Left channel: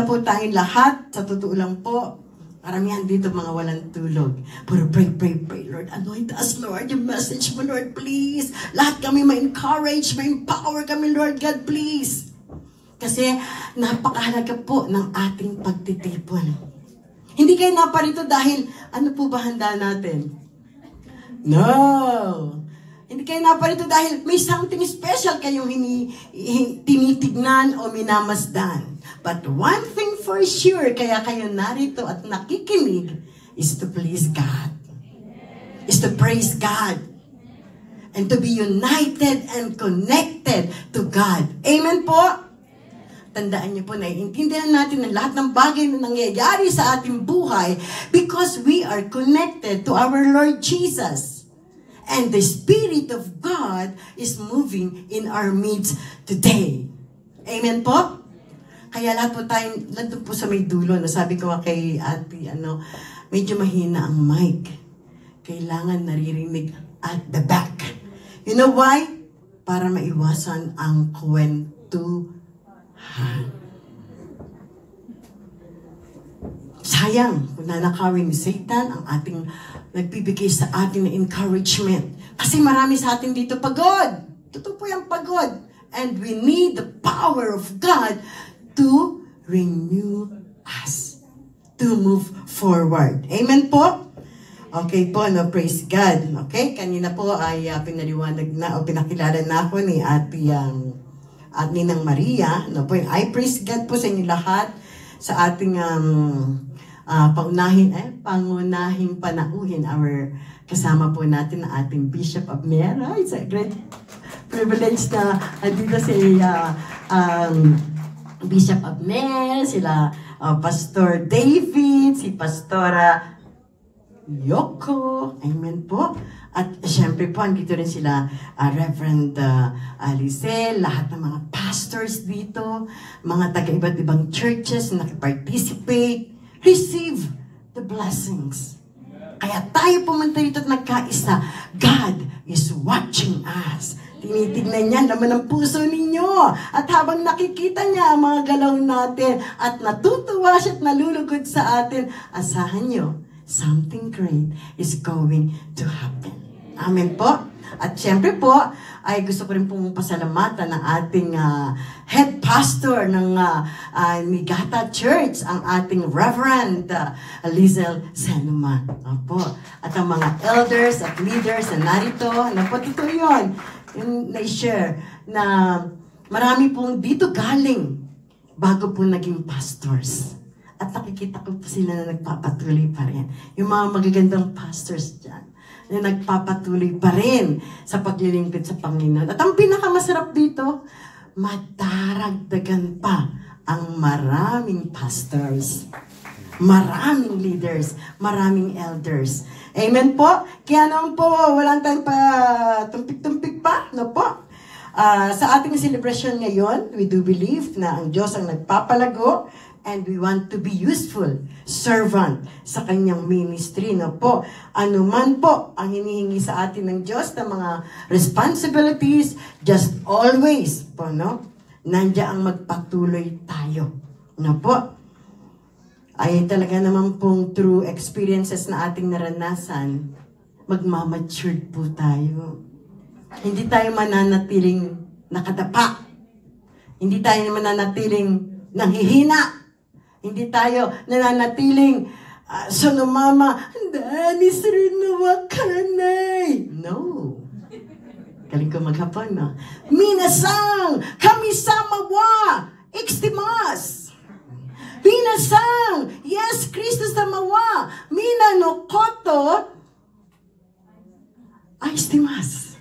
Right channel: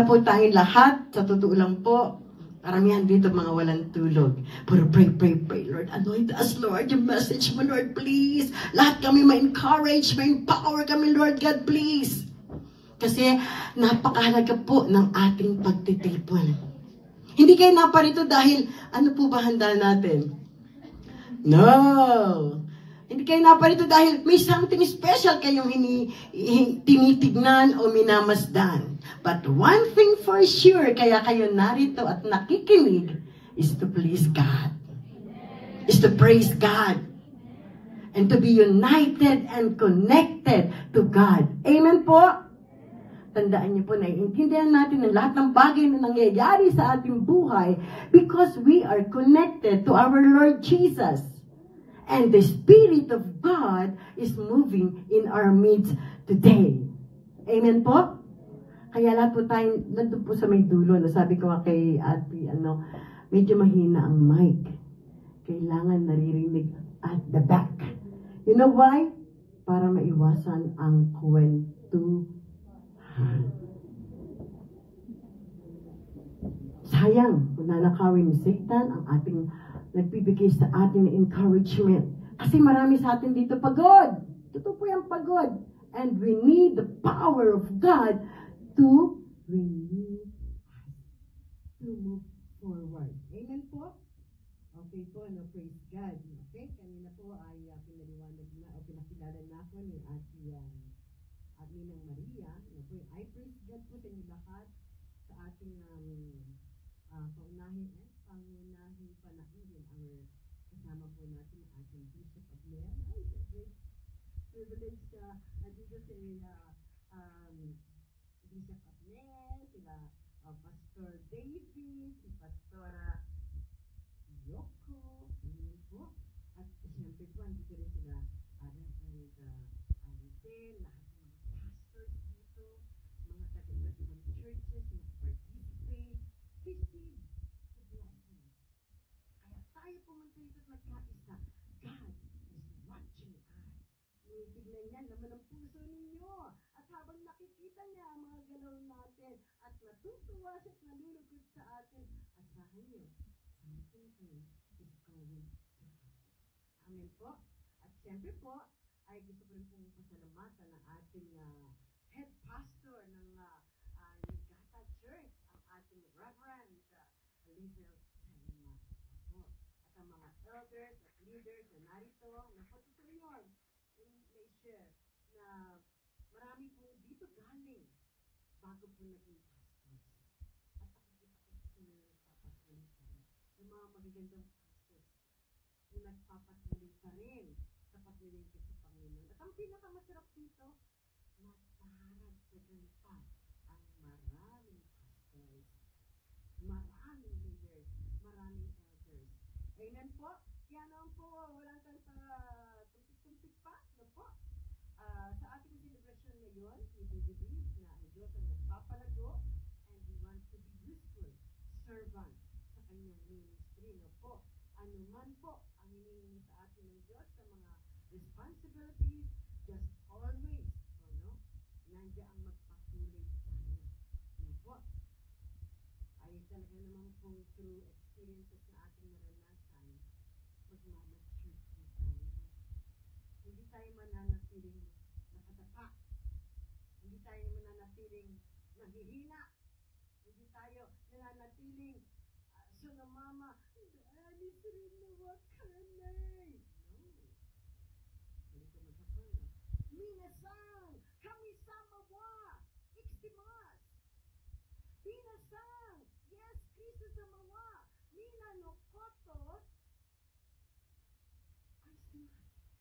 Po tayong lahat, sa totoo lang po, karamihan dito mga walang tulog. Pero pray, Lord. Anoint us, Lord. Yung message mo, Lord, please. Lahat kami ma-encourage, ma-empower kami, Lord God, please. Kasi napakahalaga po ng ating pagtitipon. Hindi kayo naparito dahil, ano po ba handa natin? No! Hindi kayo naparito dahil may something special kayong tinitignan o minamasdan. But one thing for sure, kaya kayo narito at nakikinig, is to please God. Is to praise God. And to be united and connected to God. Amen po? Tandaan niyo po, naiintindihan natin ang lahat ng bagay na nangyayari sa ating buhay because we are connected to our Lord Jesus. And the Spirit of God is moving in our midst today. Amen po? Kaya lahat po tayo, nandun po sa may dulo, sabi ko kay ate, medyo mahina ang mic. Kailangan naririnig at the back. You know why? Para maiwasan ang kwentuhan. Sayang kung nanakawin ni Satan ang ating nagbibigay sa atin ng encouragement. Kasi marami sa atin dito pagod. Totoo po yung pagod. And we need the power of God to renew us. To move forward. Amen po? Okay po, praise God. Okay, kanina po ay pinaliwanag na o pinakilala na ako ni Ate at Ninang Maria. I praise God po sa inyo lahat sa ating pangunahing panauhin our kasama po natin ang ating Bishop Abner. It's a great privilege na dito si Bishop Abner, sila Pastor David, si Pastora Yoko. Amen po. At syempre po, andito rin sila Reverend Alicel, lahat ng mga pastors dito, mga taga-iba't ibang churches na nakiparticipate. Receive the blessings. Kaya tayo pumunta dito at nagkaisa. God is watching us. Tinitignan niya naman ang puso ninyo. At habang nakikita niya ang mga galaw natin at natutuwa siya at nalulugod sa atin, asahan niyo, something great is going to happen. Amen po. At syempre po, ay gusto ko rin pong pasalamatan ng ating head pastor ng Migata Church, ang ating Reverend Lizel Senuma. Opo. At ang mga elders at leaders na narito, totoo yun, yung na-share na marami pong dito galing bago po naging pastors. At nakikita ko po sila na nagpapatuloy pa rin. Yung mga magagandang pastors dyan na nagpapatuloy pa rin sa paglilingkod sa Panginoon. At ang pinakamasarap dito, madaragdagan pa ang maraming pastors, maraming leaders, maraming elders. Amen po? Kaya naman po, walang tayong pa tumpik-tumpik pa, no po? Sa ating celebration ngayon, we do believe na ang Diyos ang nagpapalago and we want to be useful servant sa kanyang ministry, no po. Ano man po ang hinihingi sa atin ng Diyos na mga responsibilities, just always po, no? Nandiyan ang magpatuloy tayo, no po. Ay talaga naman pong through experiences na ating naranasan, magmamatured po tayo. Hindi tayo mananatiling nakadapa. Hindi tayo mananatiling nanghihina. Hindi tayo nananatiling mama, Danis rin na wakanay. No. Galing ko maghapon, no? Minasang, kamisama wa, ikstimas. Minasang, yes, Kristo samawa, minano koto, ikstimas.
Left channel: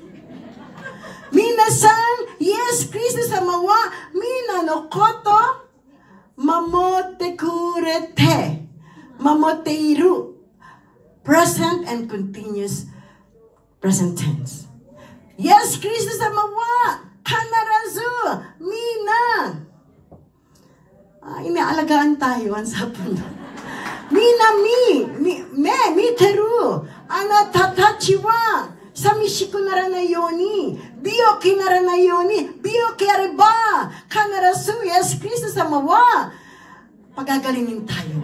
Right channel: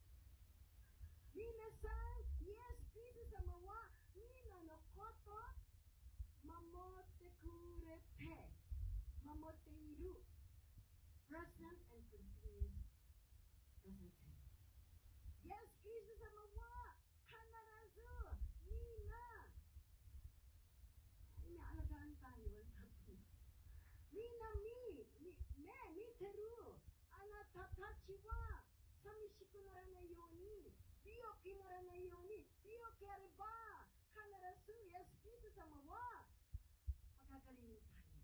Minasang, yes, Kristo samawa, minano koto, mamote kurete, mamote iru. Present and continuous present tense. Yes, Kristo samawa, kanarazu, mina. Inaalagaan tayo ang sapon. Mina mi teru, anatatachiwa, samishiko naranayoni, bio kinaranayoni, bio kiareba, kanarazu, yes, Kristo samawa. pagagalingin tayo.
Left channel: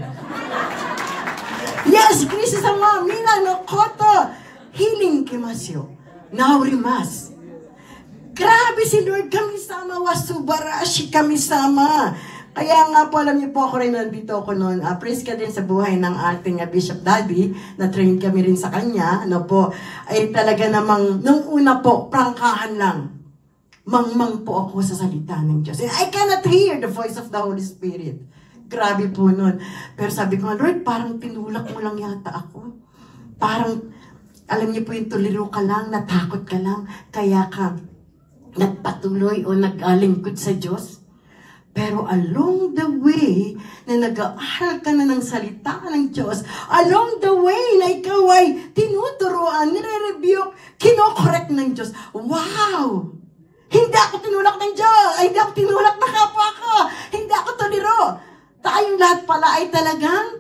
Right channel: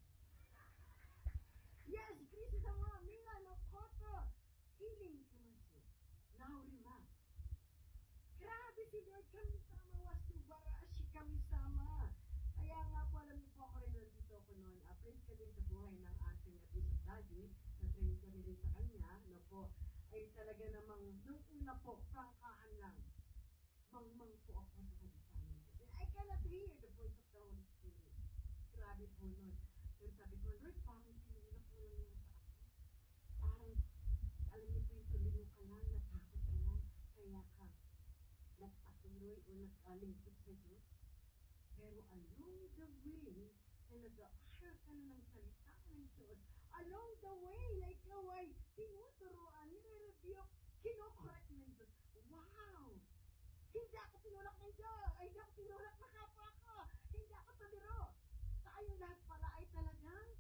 Yes, Kristo sama, mina no koto, healing kimasyo, naurimas. Grabe si Lord, kami sama, wasubarashi kami sama. Kaya nga po, alam niyo po ako rin nandito ako noon. Praise ka din sa buhay ng ating Bishop Daddy, na-train kami rin sa kanya. Ano po, ay talaga namang, nung una po, prangkahan lang. Mangmang po ako sa salita ng Diyos. And I cannot hear the voice of the Holy Spirit. Grabe po nun. Pero sabi ko, Lord, parang tinulak mo lang yata ako. Parang, alam niyo po yung tuliro ka lang, natakot ka lang, kaya ka nagpatuloy o nag-alingkod sa Diyos. Pero along the way, na nag-aaral ka na ng salita ng Diyos, along the way na ikaw ay tinuturuan, nire-rebuke, kinokorek ng Diyos. Wow! Hindi ako tinulak ng Diyos! Ay, hindi ako tinulak na kapwa ko! Hindi ako tuliro! Tayong lahat pala ay talagang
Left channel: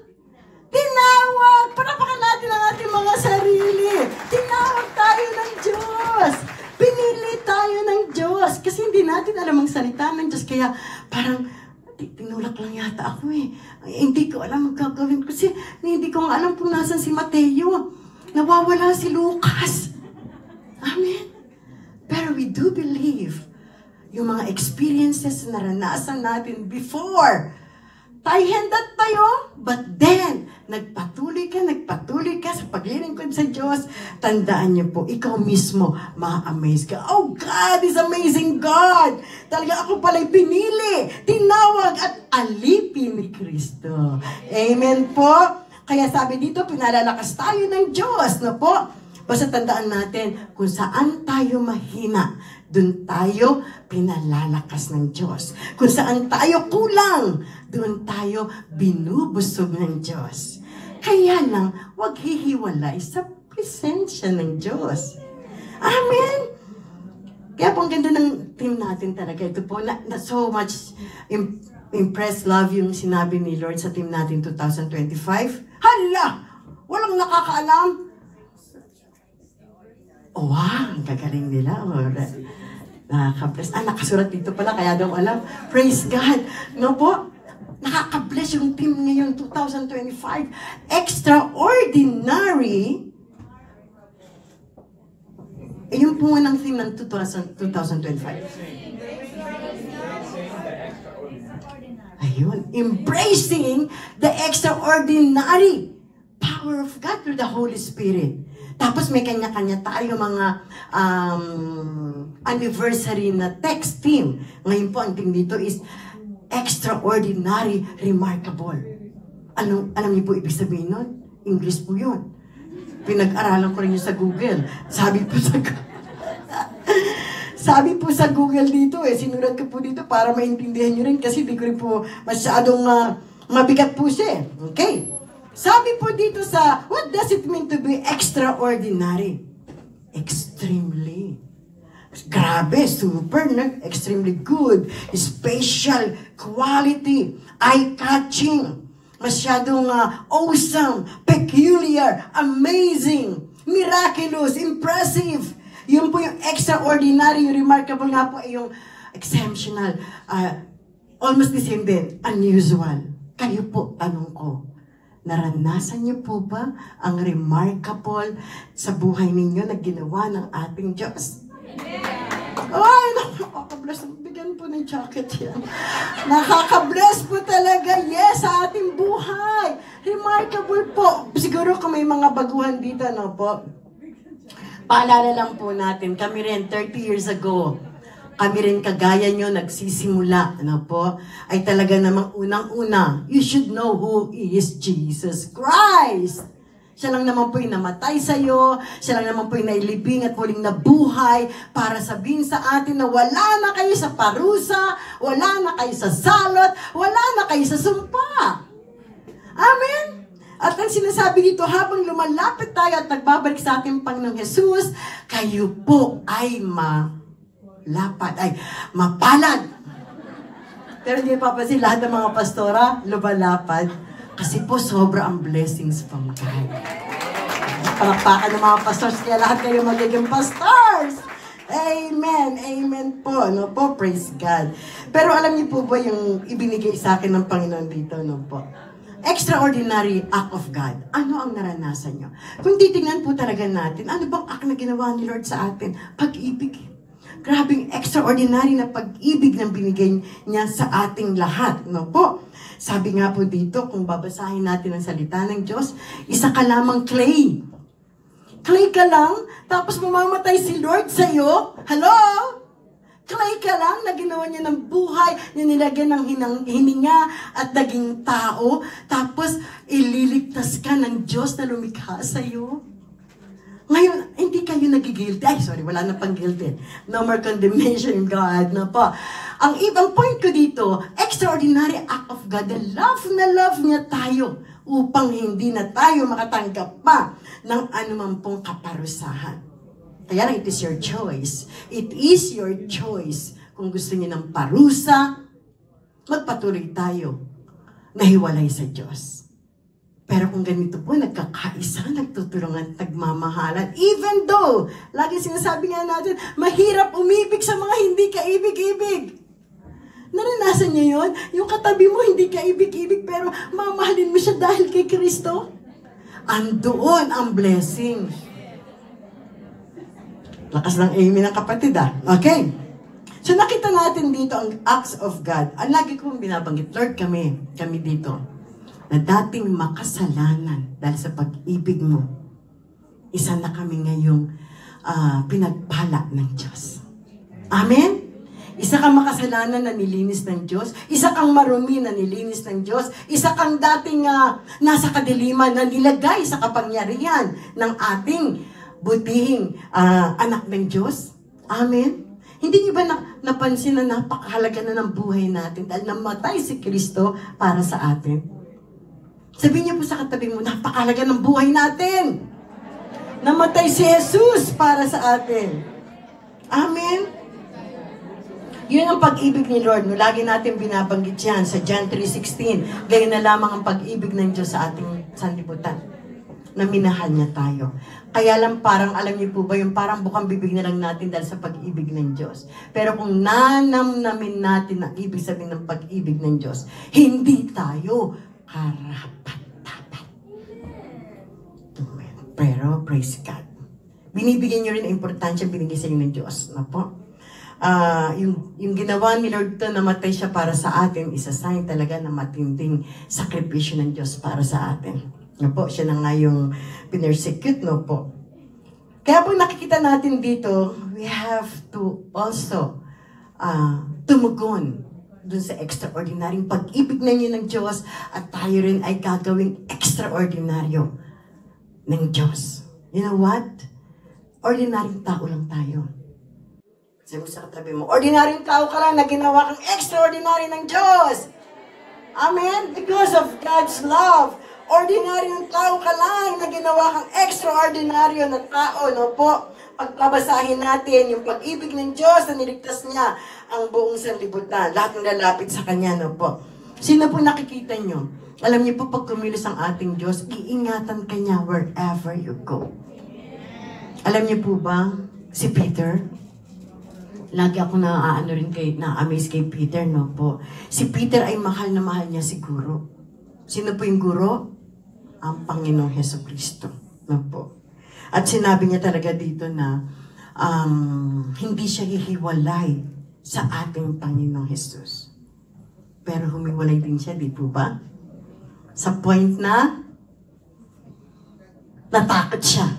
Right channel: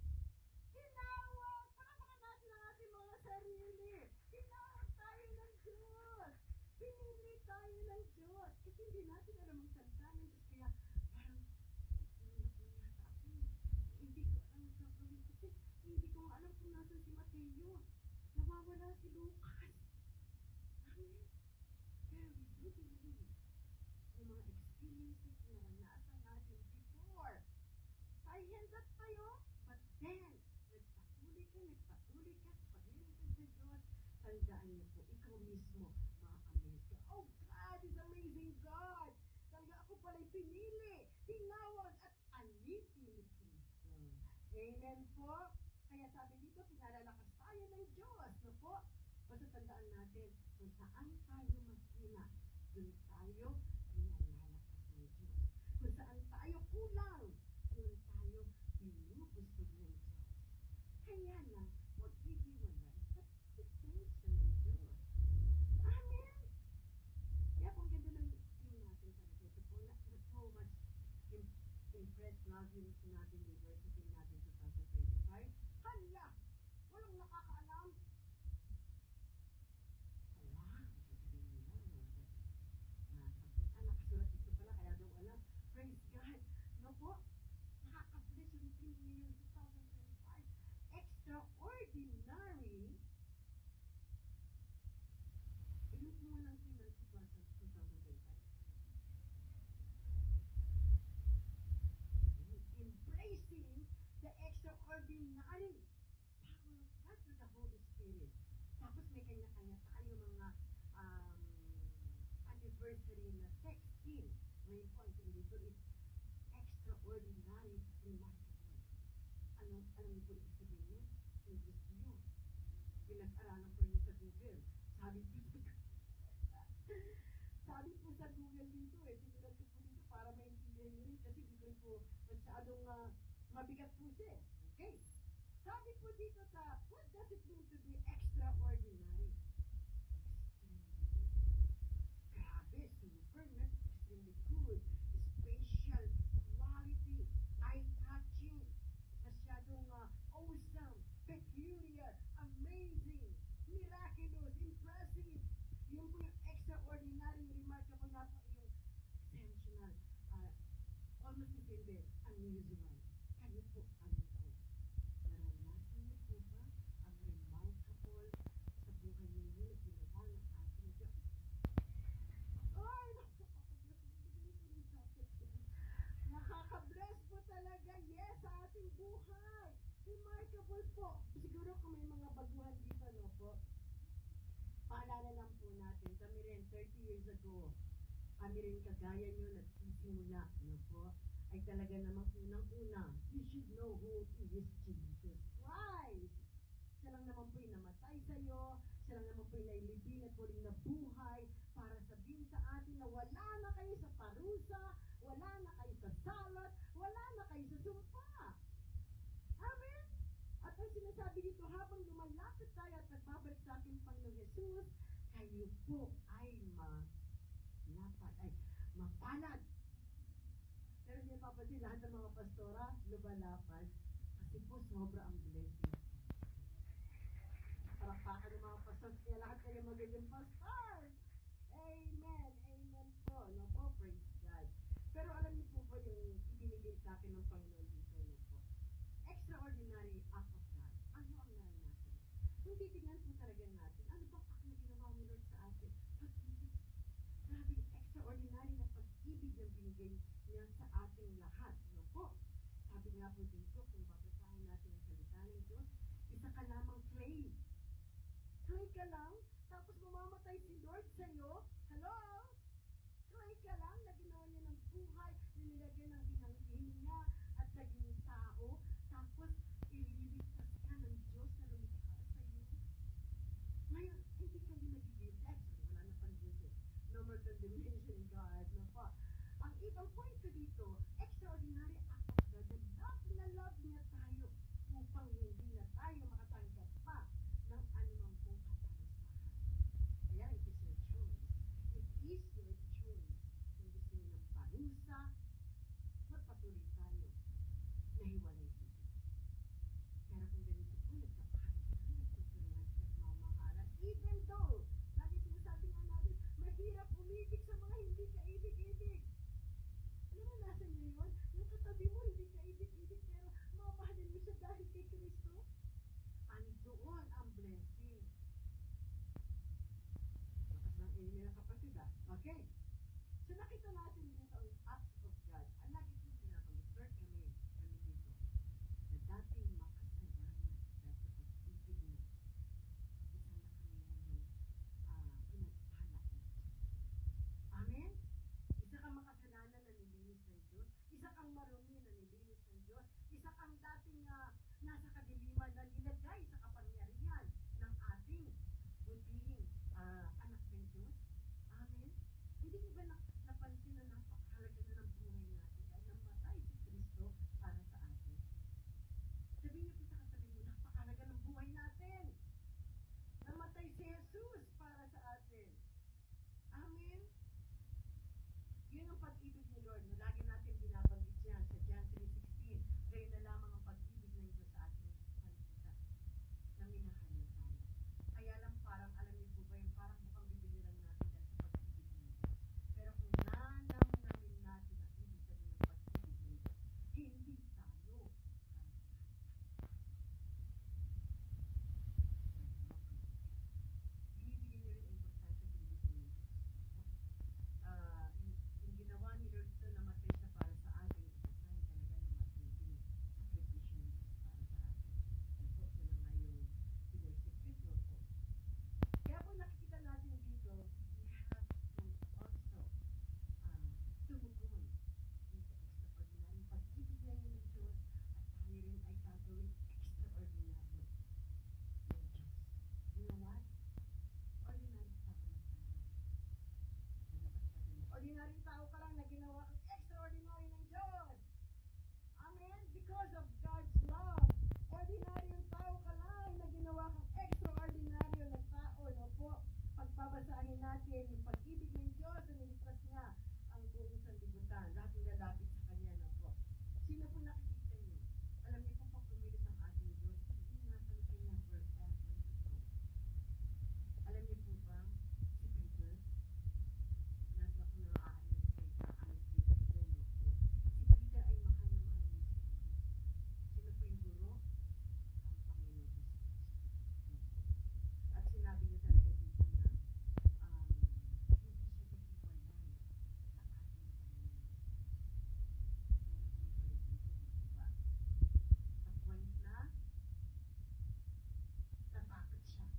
tinawag! Panapakan natin ang ating mga sarili! Tinawag tayo ng Diyos! Pinili tayo ng Diyos! Kasi hindi natin alam ang salita ng Diyos. Kaya parang, tinulak lang yata ako eh. Hindi ko alam ang gagawin. Kasi hindi ko alam kung nasan si Mateo. Nawawala si Lucas. Amen? Pero we do believe yung mga experiences na naranasan natin before. Tayo tayo, but then, nagpatuloy ka sa paglilingkod sa Diyos. Tandaan niyo po, ikaw mismo, ma-amaze ka. Oh, God is amazing God! Talaga ako pala'y pinili, tinawag at alipin ni Kristo. Amen po? Kaya sabi dito, pinalalakas tayo ng Diyos, no po? Basta tandaan natin, kung saan tayo mahina, dun tayo pinalalakas ng Diyos. Kung saan tayo kulang, doon tayo binubusog ng Diyos. Kaya lang, huwag hihiwalay sa presensya ng Diyos. Amen? Kaya po ang ganda ng team natin talaga. Ito po, na so much impressed, love yung sinabi ni Lord sa team natin 2025. Hala! Walang nakakaalam. Oh, wow! Ang gagaling nila. Nakaka-bless. Nakasurat dito pala, kaya daw alam. Praise God. No po? Nakaka-bless yung team ngayon, 2025. Extraordinary. Yung po ng theme ng 2025. Ayun. Embracing the extraordinary power of God through the Holy Spirit. Tapos may kanya-kanya tayo mga anniversary na text team. Ngayon po, ang team dito is extraordinary, remarkable. Alam niyo po ibig sabihin nun? English po yun. Pinag-aralan ko rin yun sa Google. Sabi po sa Google dito sinulat ko po dito para maintindihan nyo rin kasi di ko rin po masyadong mabigat po siya. Okay. Sabi po dito sa, what does it mean to be extraordinary? Extremely. Grabe, super, extremely good, special, quality, eye-catching, masyadong awesome, peculiar, amazing, miraculous, impressive. Yun po yung extraordinary, yung remarkable nga po ay yung exceptional, almost the same din, unusual. Kayo po, tanong ko, naranasan niyo po ba ang remarkable sa buhay ninyo na ginawa ng ating Diyos? Ay, nakaka-bless. Bigyan po ng jacket yan. Nakaka-bless po talaga, yes, sa ating buhay. Remarkable po. Siguro kung may mga baguhan dito, no po? Paalala lang po natin, kami rin 30 years ago, kami rin kagaya nyo nagsisimula, ano po, ay talaga namang unang-una, you should know who is Jesus Christ. Siya lang naman po yung namatay sa'yo, siya lang naman po yung nailibing at muling nabuhay para sabihin sa atin na wala na kayo sa parusa, wala na kayo sa salot, wala na kayo sa sumpa. Amen? At ang sinasabi dito, habang lumalapit tayo at nagbabalik sa ating Panginoong Jesus, kayo po ay mapalad. Pero hindi papansin, lahat ng mga pastora, lumalapad. Kasi po, sobra ang blessings from God. Palakpakan ng mga pastors, kaya lahat kayo magiging pastors. Amen. Amen po. No po, praise God. Pero alam niyo po ba yung ibinigay sa akin ng Panginoon dito? No po. Extraordinary act of God. Ano ang naranasan nyo? Kung titingnan po talaga natin, ano bang act na ginawa ni Lord sa atin? Pag-ibig. Grabing extraordinary na pag-ibig na binigay niya sa ating lahat. No po? Sabi nga po dito, kung babasahin natin ang salita ng Diyos, isa ka lamang clay. Clay ka lang, tapos mamamatay si Lord sa'yo. Hello? Clay ka lang na ginawa niya ng buhay, na nilagyan ng hininga at naging tao, tapos ililigtas ka ng Diyos na lumikha sa'yo. Ngayon, hindi kayo nagigilty. Ay, sorry, wala na pang guilty. No more condemnation in God na po. Ang ibang point ko dito, extraordinary act of God, the love na love niya tayo upang hindi na tayo makatanggap pa ng anumang pong kaparusahan. Kaya lang, it is your choice. It is your choice. Kung gusto niyo ng parusa, magpatuloy tayo na hiwalay sa Diyos. Pero kung ganito po, nagkakaisa, nagtutulungan, nagmamahalan, even though, lagi sinasabi nga natin, mahirap umibig sa mga hindi kaibig-ibig. Naranasan niyo yun? Yung katabi mo, hindi kaibig-ibig, pero mamahalin mo siya dahil kay Kristo? Andoon ang blessing. Lakas ng amen ng kapatid, Okay. So nakita natin dito ang acts of God. Ang lagi kong binabanggit, Lord, kami dito, na dating makasalanan dahil sa pag-ibig mo, isa na kami ngayong pinagpala ng Diyos. Amen? Isa kang makasalanan na nilinis ng Diyos. Isa kang marumi na nilinis ng Diyos. Isa kang dating nasa kadiliman na nilagay sa kapangyarihan ng ating butihing anak ng Diyos. Amen? Hindi niyo ba napansin na napakahalaga na ng buhay natin dahil namatay si Kristo para sa atin? Sabihin niyo po sa katabi mo, napakahalaga ng buhay natin. Namatay si Jesus para sa atin. Amen? Yun ang pag-ibig ni Lord. No, lagi natin binabanggit yan sa John 3:16. Gayon na lamang ang pag-ibig ng Diyos sa ating sanlibutan. Na minahal niya tayo. Kaya lang parang, alam niyo po ba, yung parang bukang bibig na lang natin dahil sa pag-ibig ng Diyos. Pero kung nanamnamin natin ang ibig sabihin ng pag-ibig ng Diyos, hindi tayo karapat-dapat. Pero, praise God. Binibigyan nyo rin ang importansya binigay sa inyo ng Diyos. Po? Yung ginawa ni Lord to, namatay siya para sa atin, isa sign talaga na matinding sakripisyo ng Diyos para sa atin. Po? Siya na nga yung pinersecute, po? Kaya po nakikita natin dito, we have to also tumugon dun sa extraordinaryong pag-ibig na niyo ng Diyos at tayo rin ay gagawing extraordinaryo ng Diyos. You know what? Ordinaryong tao lang tayo. Sabi mo sa katabi mo, ordinaryong tao ka lang na ginawa kang extraordinary ng Diyos. Amen? Because of God's love. Ordinaryong tao ka lang na ginawa kang extraordinaryo na tao, po? Pagbabasahin natin yung pag-ibig ng Diyos na niligtas niya ang buong sanlibutan. Lahat ng lalapit sa Kanya, po. Sino po nakikita nyo? Alam niyo po, pag kumilos ang ating Diyos, iingatan ka niya wherever you go. Alam niyo po ba, si Peter, lagi ako na-amaze kay Peter, po. Si Peter ay mahal na mahal niya si Guro. Sino po yung Guro? Ang Panginoong Hesukristo, po. At sinabi niya talaga dito na hindi siya hihiwalay sa ating Panginoong Jesus. Pero humiwalay din siya, di po ba? Sa point na natakot siya.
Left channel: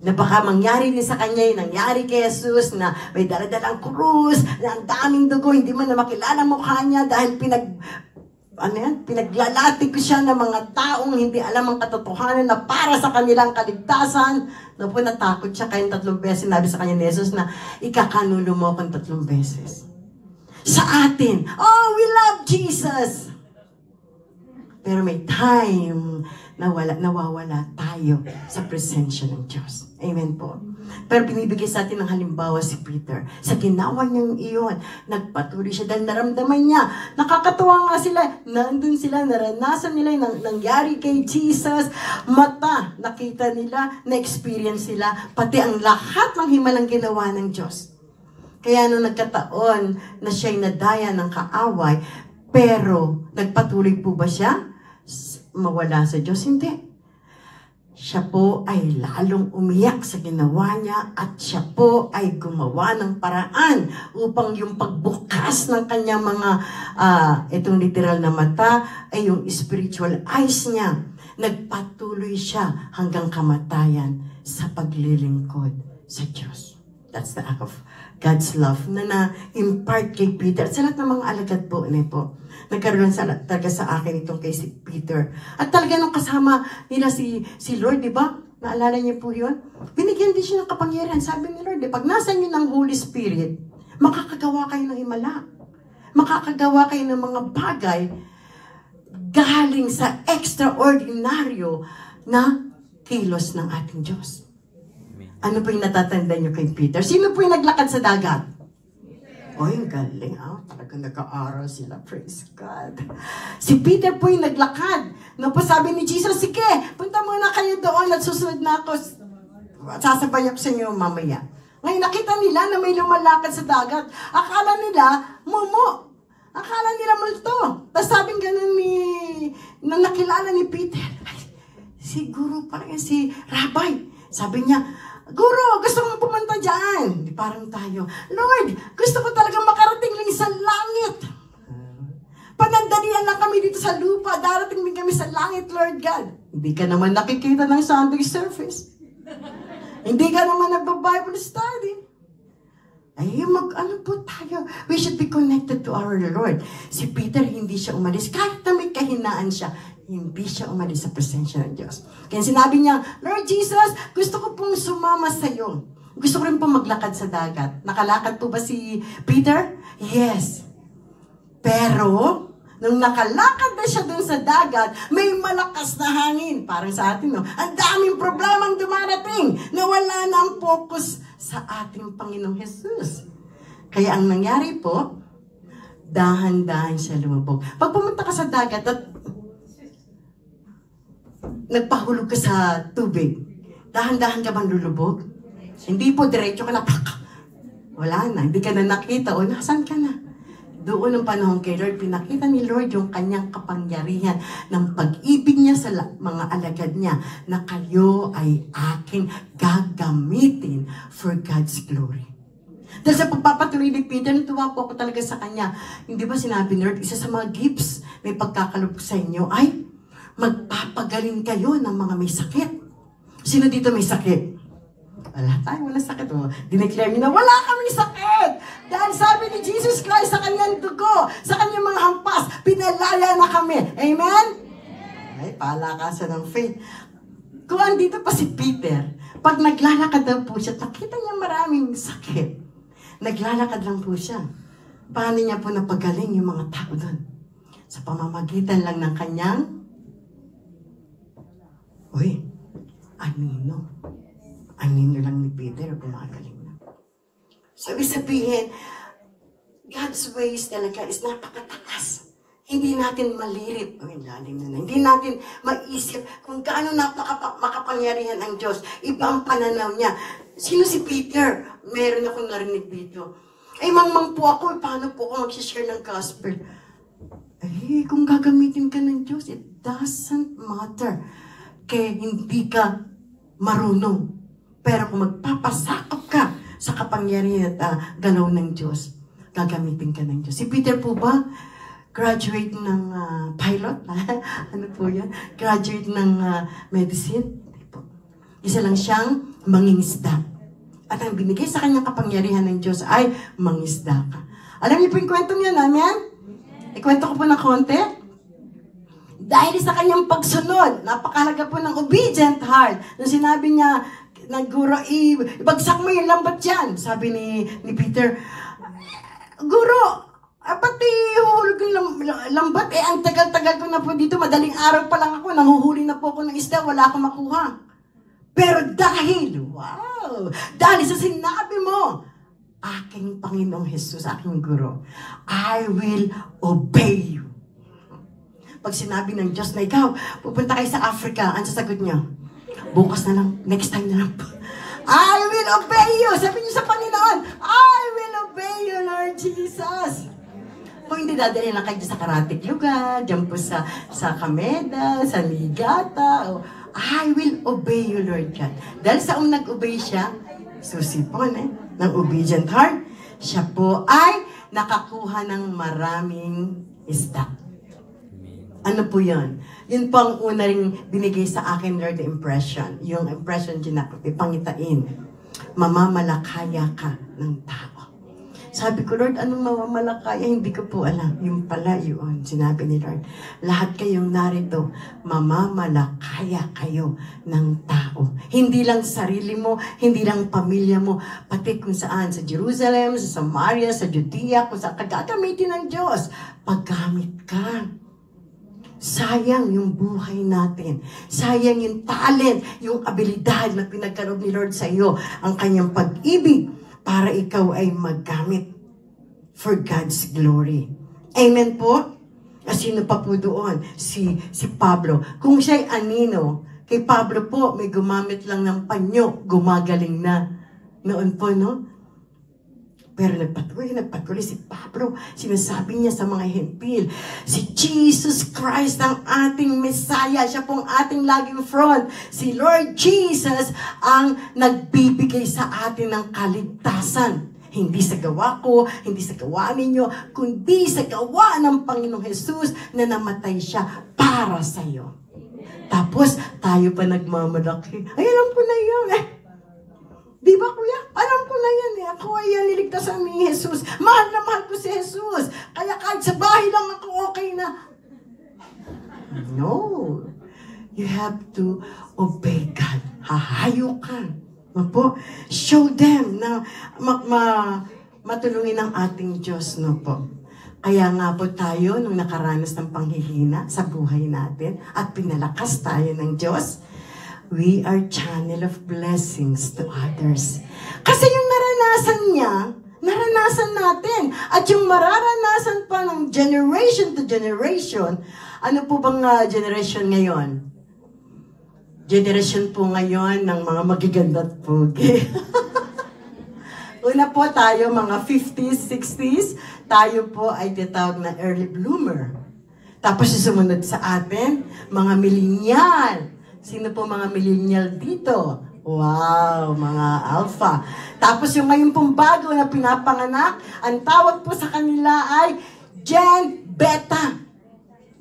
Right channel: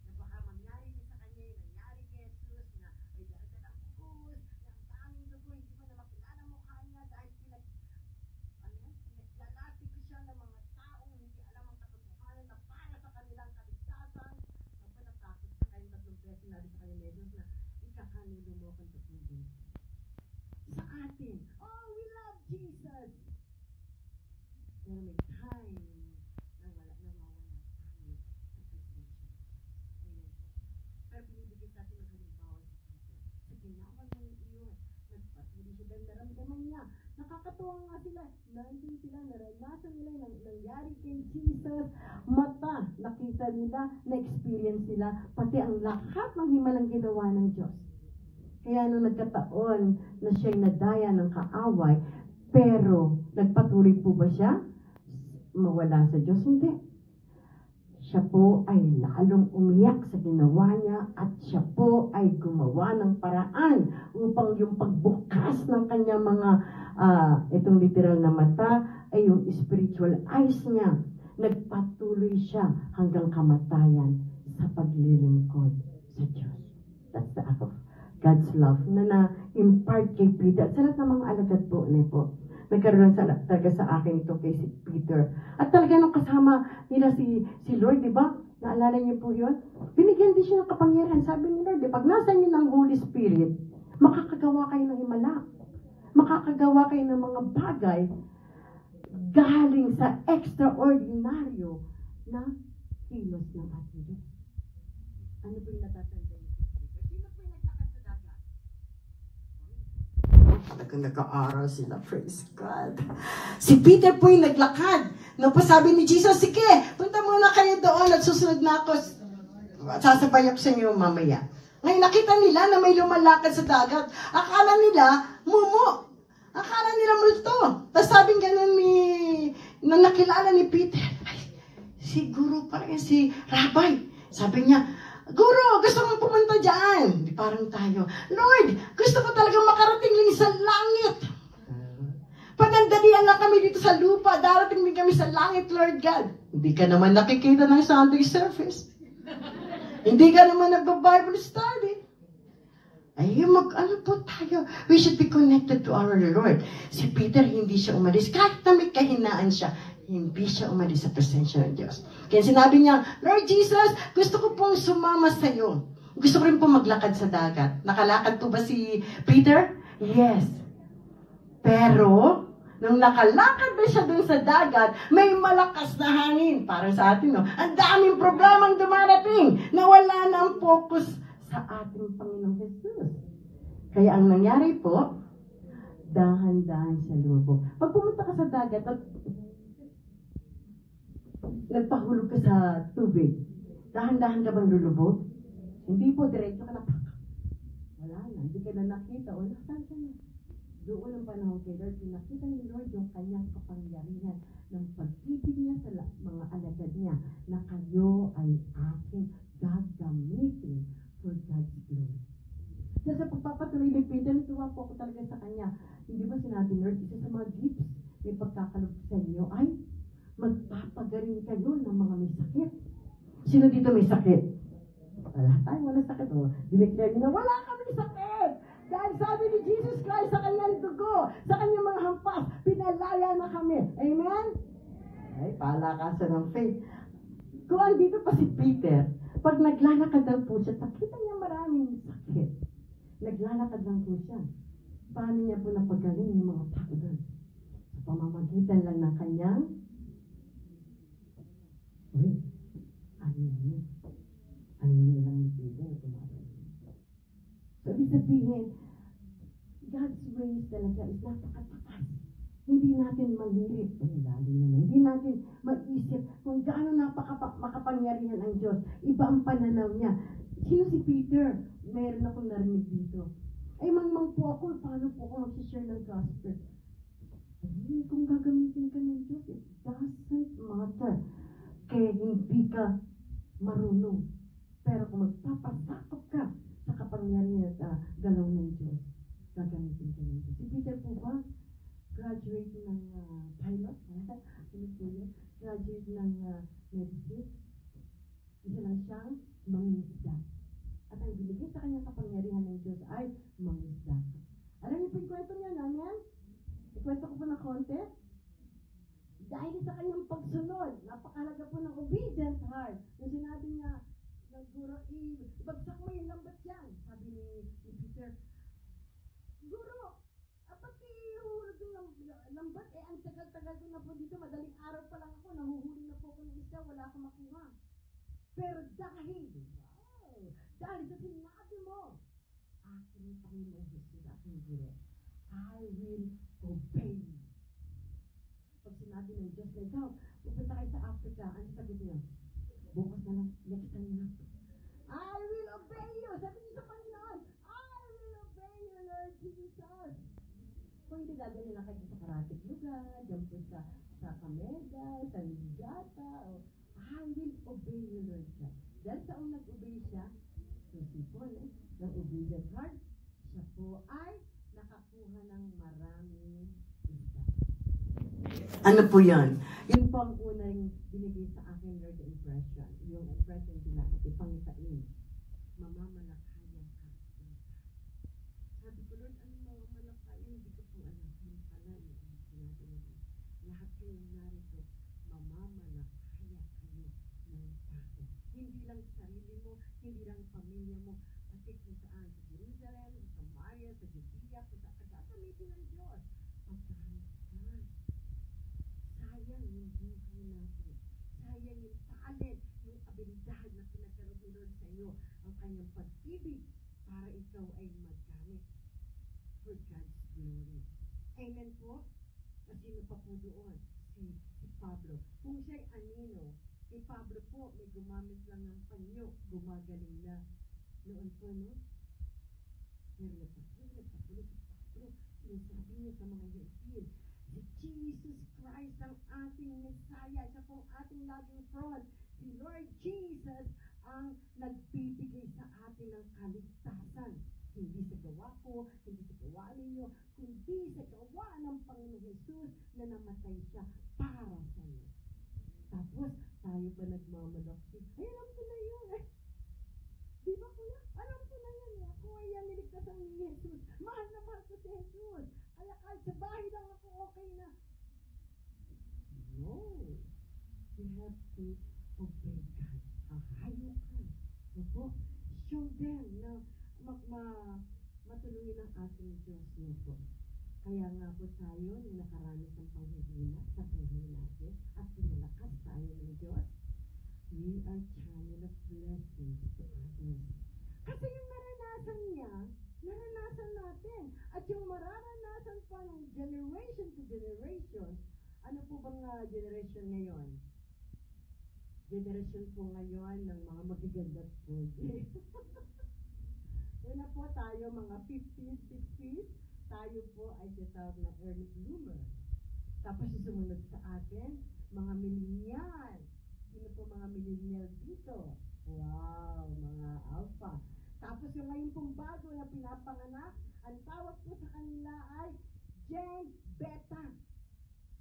Na baka mangyari din sa kanya yung nangyari kay Jesus na may daladalang krus, na ang daming dugo, hindi man na makilala mukha niya dahil pinaglalati ko siya ng mga taong hindi alam ang katotohanan na para sa kanilang kaligtasan. Po, natakot siya kaya 3 beses sinabi sa kanya ni Jesus na ikakanulo mo akong 3 beses. Sa atin, oh, we love Jesus! Pero may time na nawawala tayo sa presensya ng Diyos. Amen po. Pero binibigay sa atin ng halimbawa si Peter. Sa ginawa niyang iyon, nagpatuloy siya dahil naramdaman niya. Nakakatuwa nga sila. Nandun sila, naranasan nila yung nangyari kay Jesus. Mata, nakita nila, na-experience sila. Pati ang lahat ng himalang ginawa ng Diyos. Kaya nung nagkataon na siya'y nadaya ng kaaway, pero nagpatuloy po ba siya mawala sa Diyos? Hindi. Siya po ay lalong umiyak sa ginawa niya at siya po ay gumawa ng paraan upang yung pagbukas ng kanyang mga, itong literal na mata ay yung spiritual eyes niya. Nagpatuloy siya hanggang kamatayan sa paglilingkod sa Diyos. That's the act of God's love na na-impart kay Peter. Sa lahat ng mga alagad po, nagkaroon talaga sa akin itong kay si Peter. At talaga nung kasama nila si Lord, di ba? Naalala niyo po yun? Binigyan din siya ng kapangyarihan. Sabi ni Lord, pag nasa niyo ng Holy Spirit, makakagawa kayo ng himala. Makakagawa kayo ng mga bagay galing sa extraordinaryo na kilos ng ating Diyos. Ano po yung natatanda niyo kay Peter? Sino po yung naglakad sa dagat? Oy, ang galing ha. Talagang nag-aaral sila. Praise God. Si Peter po yung naglakad. No po sabi ni Jesus, sige, punta muna kayo doon at susunod na ako. Sasabay ako sa inyo mamaya. Ngayon nakita nila na may lumalakad sa dagat. Akala nila, mumu. Akala nila multo. Tapos sabing ganun na nakilala ni Peter. Ay, si guru pala yan, si Rabbi. Sabi niya, Guru, gusto kong pumunta dyan. Parang tayo, Lord, gusto ko talagang makarating lang sa langit. Panandalian lang kami dito sa lupa. Darating din kami sa langit, Lord God. Hindi ka naman nakikita ng Sunday service. Hindi ka naman nagba-Bible study. Ay, ano po tayo? We should be connected to our Lord. Si Peter, hindi siya umalis. Kahit na may kahinaan siya, hindi siya umalis sa presensya ng Diyos. Kaya sinabi niya, Lord Jesus, gusto ko pong sumama sa iyo. Gusto ko rin pong maglakad sa dagat. Nakalakad po ba si Peter? Yes. Pero, nung nakalakad na siya dun sa dagat, may malakas na hangin. Parang sa atin, no? Ang daming problemang dumarating na wala na ang focus sa ating Panginoong Jesus. Kaya ang nangyari po, dahan-dahan siya lumubog. Pag pumunta ka sa dagat at nagpahulog ka sa tubig, dahan-dahan ka bang lulubog? Hindi po, diretso ka na, wala na, hindi ka na nakita, o nasan ka na? Doon ang panahon kay Lord, pinakita ni Lord yung kanyang kapangyarihan ng pag-ibig niya sa mga alagad niya na kayo ay aking gagamitin for God's glory. Dahil sa pagpapatuloy ni Peter, natuwa po ako talaga sa kanya. Hindi ba sinabi ni Lord, isa sa mga gifts may pagkakaloob sa inyo ay magpapagaling kayo ng mga may sakit. Sino dito may sakit? Wala tayo, wala sakit. Oh. Dineclare niyo na wala kaming sakit. Dahil sabi ni Jesus Christ sa kanyang dugo, sa kanyang mga hampas, pinalaya na kami. Amen? Ay, palakasan ng faith. Kung andito pa si Peter, pag naglalakad daw po siya, nakita niya maraming sakit. Naglalakad lang po siya. Paano niya po napagaling yung mga tao doon? Sa pamamagitan lang ng kanyang anino lang ni Peter, gumagaling na. Sabihin, God's ways talaga is napakataas. Hindi natin malirip. Lalim na. Hindi natin maisip kung gaano makapangyarihan ang Diyos. Iba ang pananaw niya. Sino si Peter? Meron akong narinig dito. Ay, mangmang po ako. Paano po ako mag-share ng gospel? Ay, kung gagamitin ka ng Diyos, it doesn't matter. Kaya hindi ka marunong. Pero kung magpapasakop ka sa kapangyarihan at galaw ng Diyos, gagamitin ka ng Diyos. Si Peter po ba, graduate ng pilot? Ano po yan? Graduate ng medicine? Isa lang siyang mangingisda. At ang binigay sa kanyang kapangyarihan ng Diyos ay mangisda ka. Alam niyo po yung kwento niya namin? Ikwento ko po ng konti. Dahil sa kanyang pagsunod, napakahalaga po ng obedient heart. Nung sinabi niya, Guro, ibagsak mo yung lambat dyan. Sabi ni Peter, Guro, pati huhulog yung lambat. Ang tagal-tagal ko na po dito. Madaling araw pa lang ako. Nanguhuli na po ako ng isda. Wala akong makuha. Pero dahil sa sinabi mo, aking Panginoong Jesus, aking Guro, I will obey you. Pag sinabi ng Diyos na ikaw, pupunta kayo sa Africa, ang sasagot niyo, bukas na lang, next time na lang po. I will obey you. Sabi niyo sa Panginoon, I will obey you, Lord Jesus. Kung hindi dadalhin lang kayo sa karatig lugar, dyan po sa Kameda, sa Niigata, I will obey you, Lord God. Dahil sa nag-obey siya, susipon ng obedient heart, siya po ay nakakuha ng maraming isda. Ano po yan? Yun po ang una ring binigay sa akin, Lord, the impression. Yung impression dyan ako, ipangitain. Mamamalakaya ka ng tao. Sabi ko, Lord, anong mamamalakaya? Hindi ko po alam. Yung pala yun, sinabi ni Lord. Lahat kayong narito, mamamalakaya kayo ng tao. Hindi lang sarili mo, hindi lang pamilya mo, pati kung saan, sa Jerusalem, sa Samaria, sa Judea, kung saan kagagamitin ng Diyos. Paggamit ka. Sayang yung buhay natin. Sayang yung talent, yung abilidad na pinagkaroon ni Lord sa iyo, ang kanyang pag-ibig para ikaw ay maggamit for God's glory. Amen po? Sino pa po doon? Si Pablo. Kung siya'y anino, kay Pablo po, may gumamit lang ng panyo, gumagaling na. Noon po, no? Pero nagpatuloy si Pablo. Sinasabi niya sa mga hentil, si Jesus Christ ang ating Messiah. Siya pong ating laging front. Si Lord Jesus ang nagbibigay sa atin ng kaligtasan. Hindi sa gawa ko, hindi sa gawa ninyo, kundi sa gawa ng Panginoong Jesus na namatay siya para sa iyo. Tapos, tayo pa nagmamalaki. Ay, alam ko na yun. Di ba, kuya? Alam ko na yan eh. Ako ay niligtasan ni Jesus. Mahal na mahal ko si Jesus. Kaya kahit sa bahay lang ako, okay na. No. You have to obey God. Hahayo ka. Po? Show them na matulungin ang ating Diyos. No po. Kaya nga po tayo, nung nakaranas ng panghihina sa buhay natin at pinalakas tayo ng Diyos, we are channel of blessings to others. Kasi yung naranasan niya, naranasan natin. At yung mararanasan pa ng generation to generation, ano po bang generation ngayon? Generation po ngayon ng mga magaganda at pogi. Una po tayo, mga 50s, 60s, tayo po ay tinatawag na early bloomer. Tapos sumunod sa atin, mga millennial. Sino po mga millennial dito? Wow, mga alpha. Tapos yung ngayon pong bago na pinapanganak, ang tawag po sa kanila ay Gen Beta.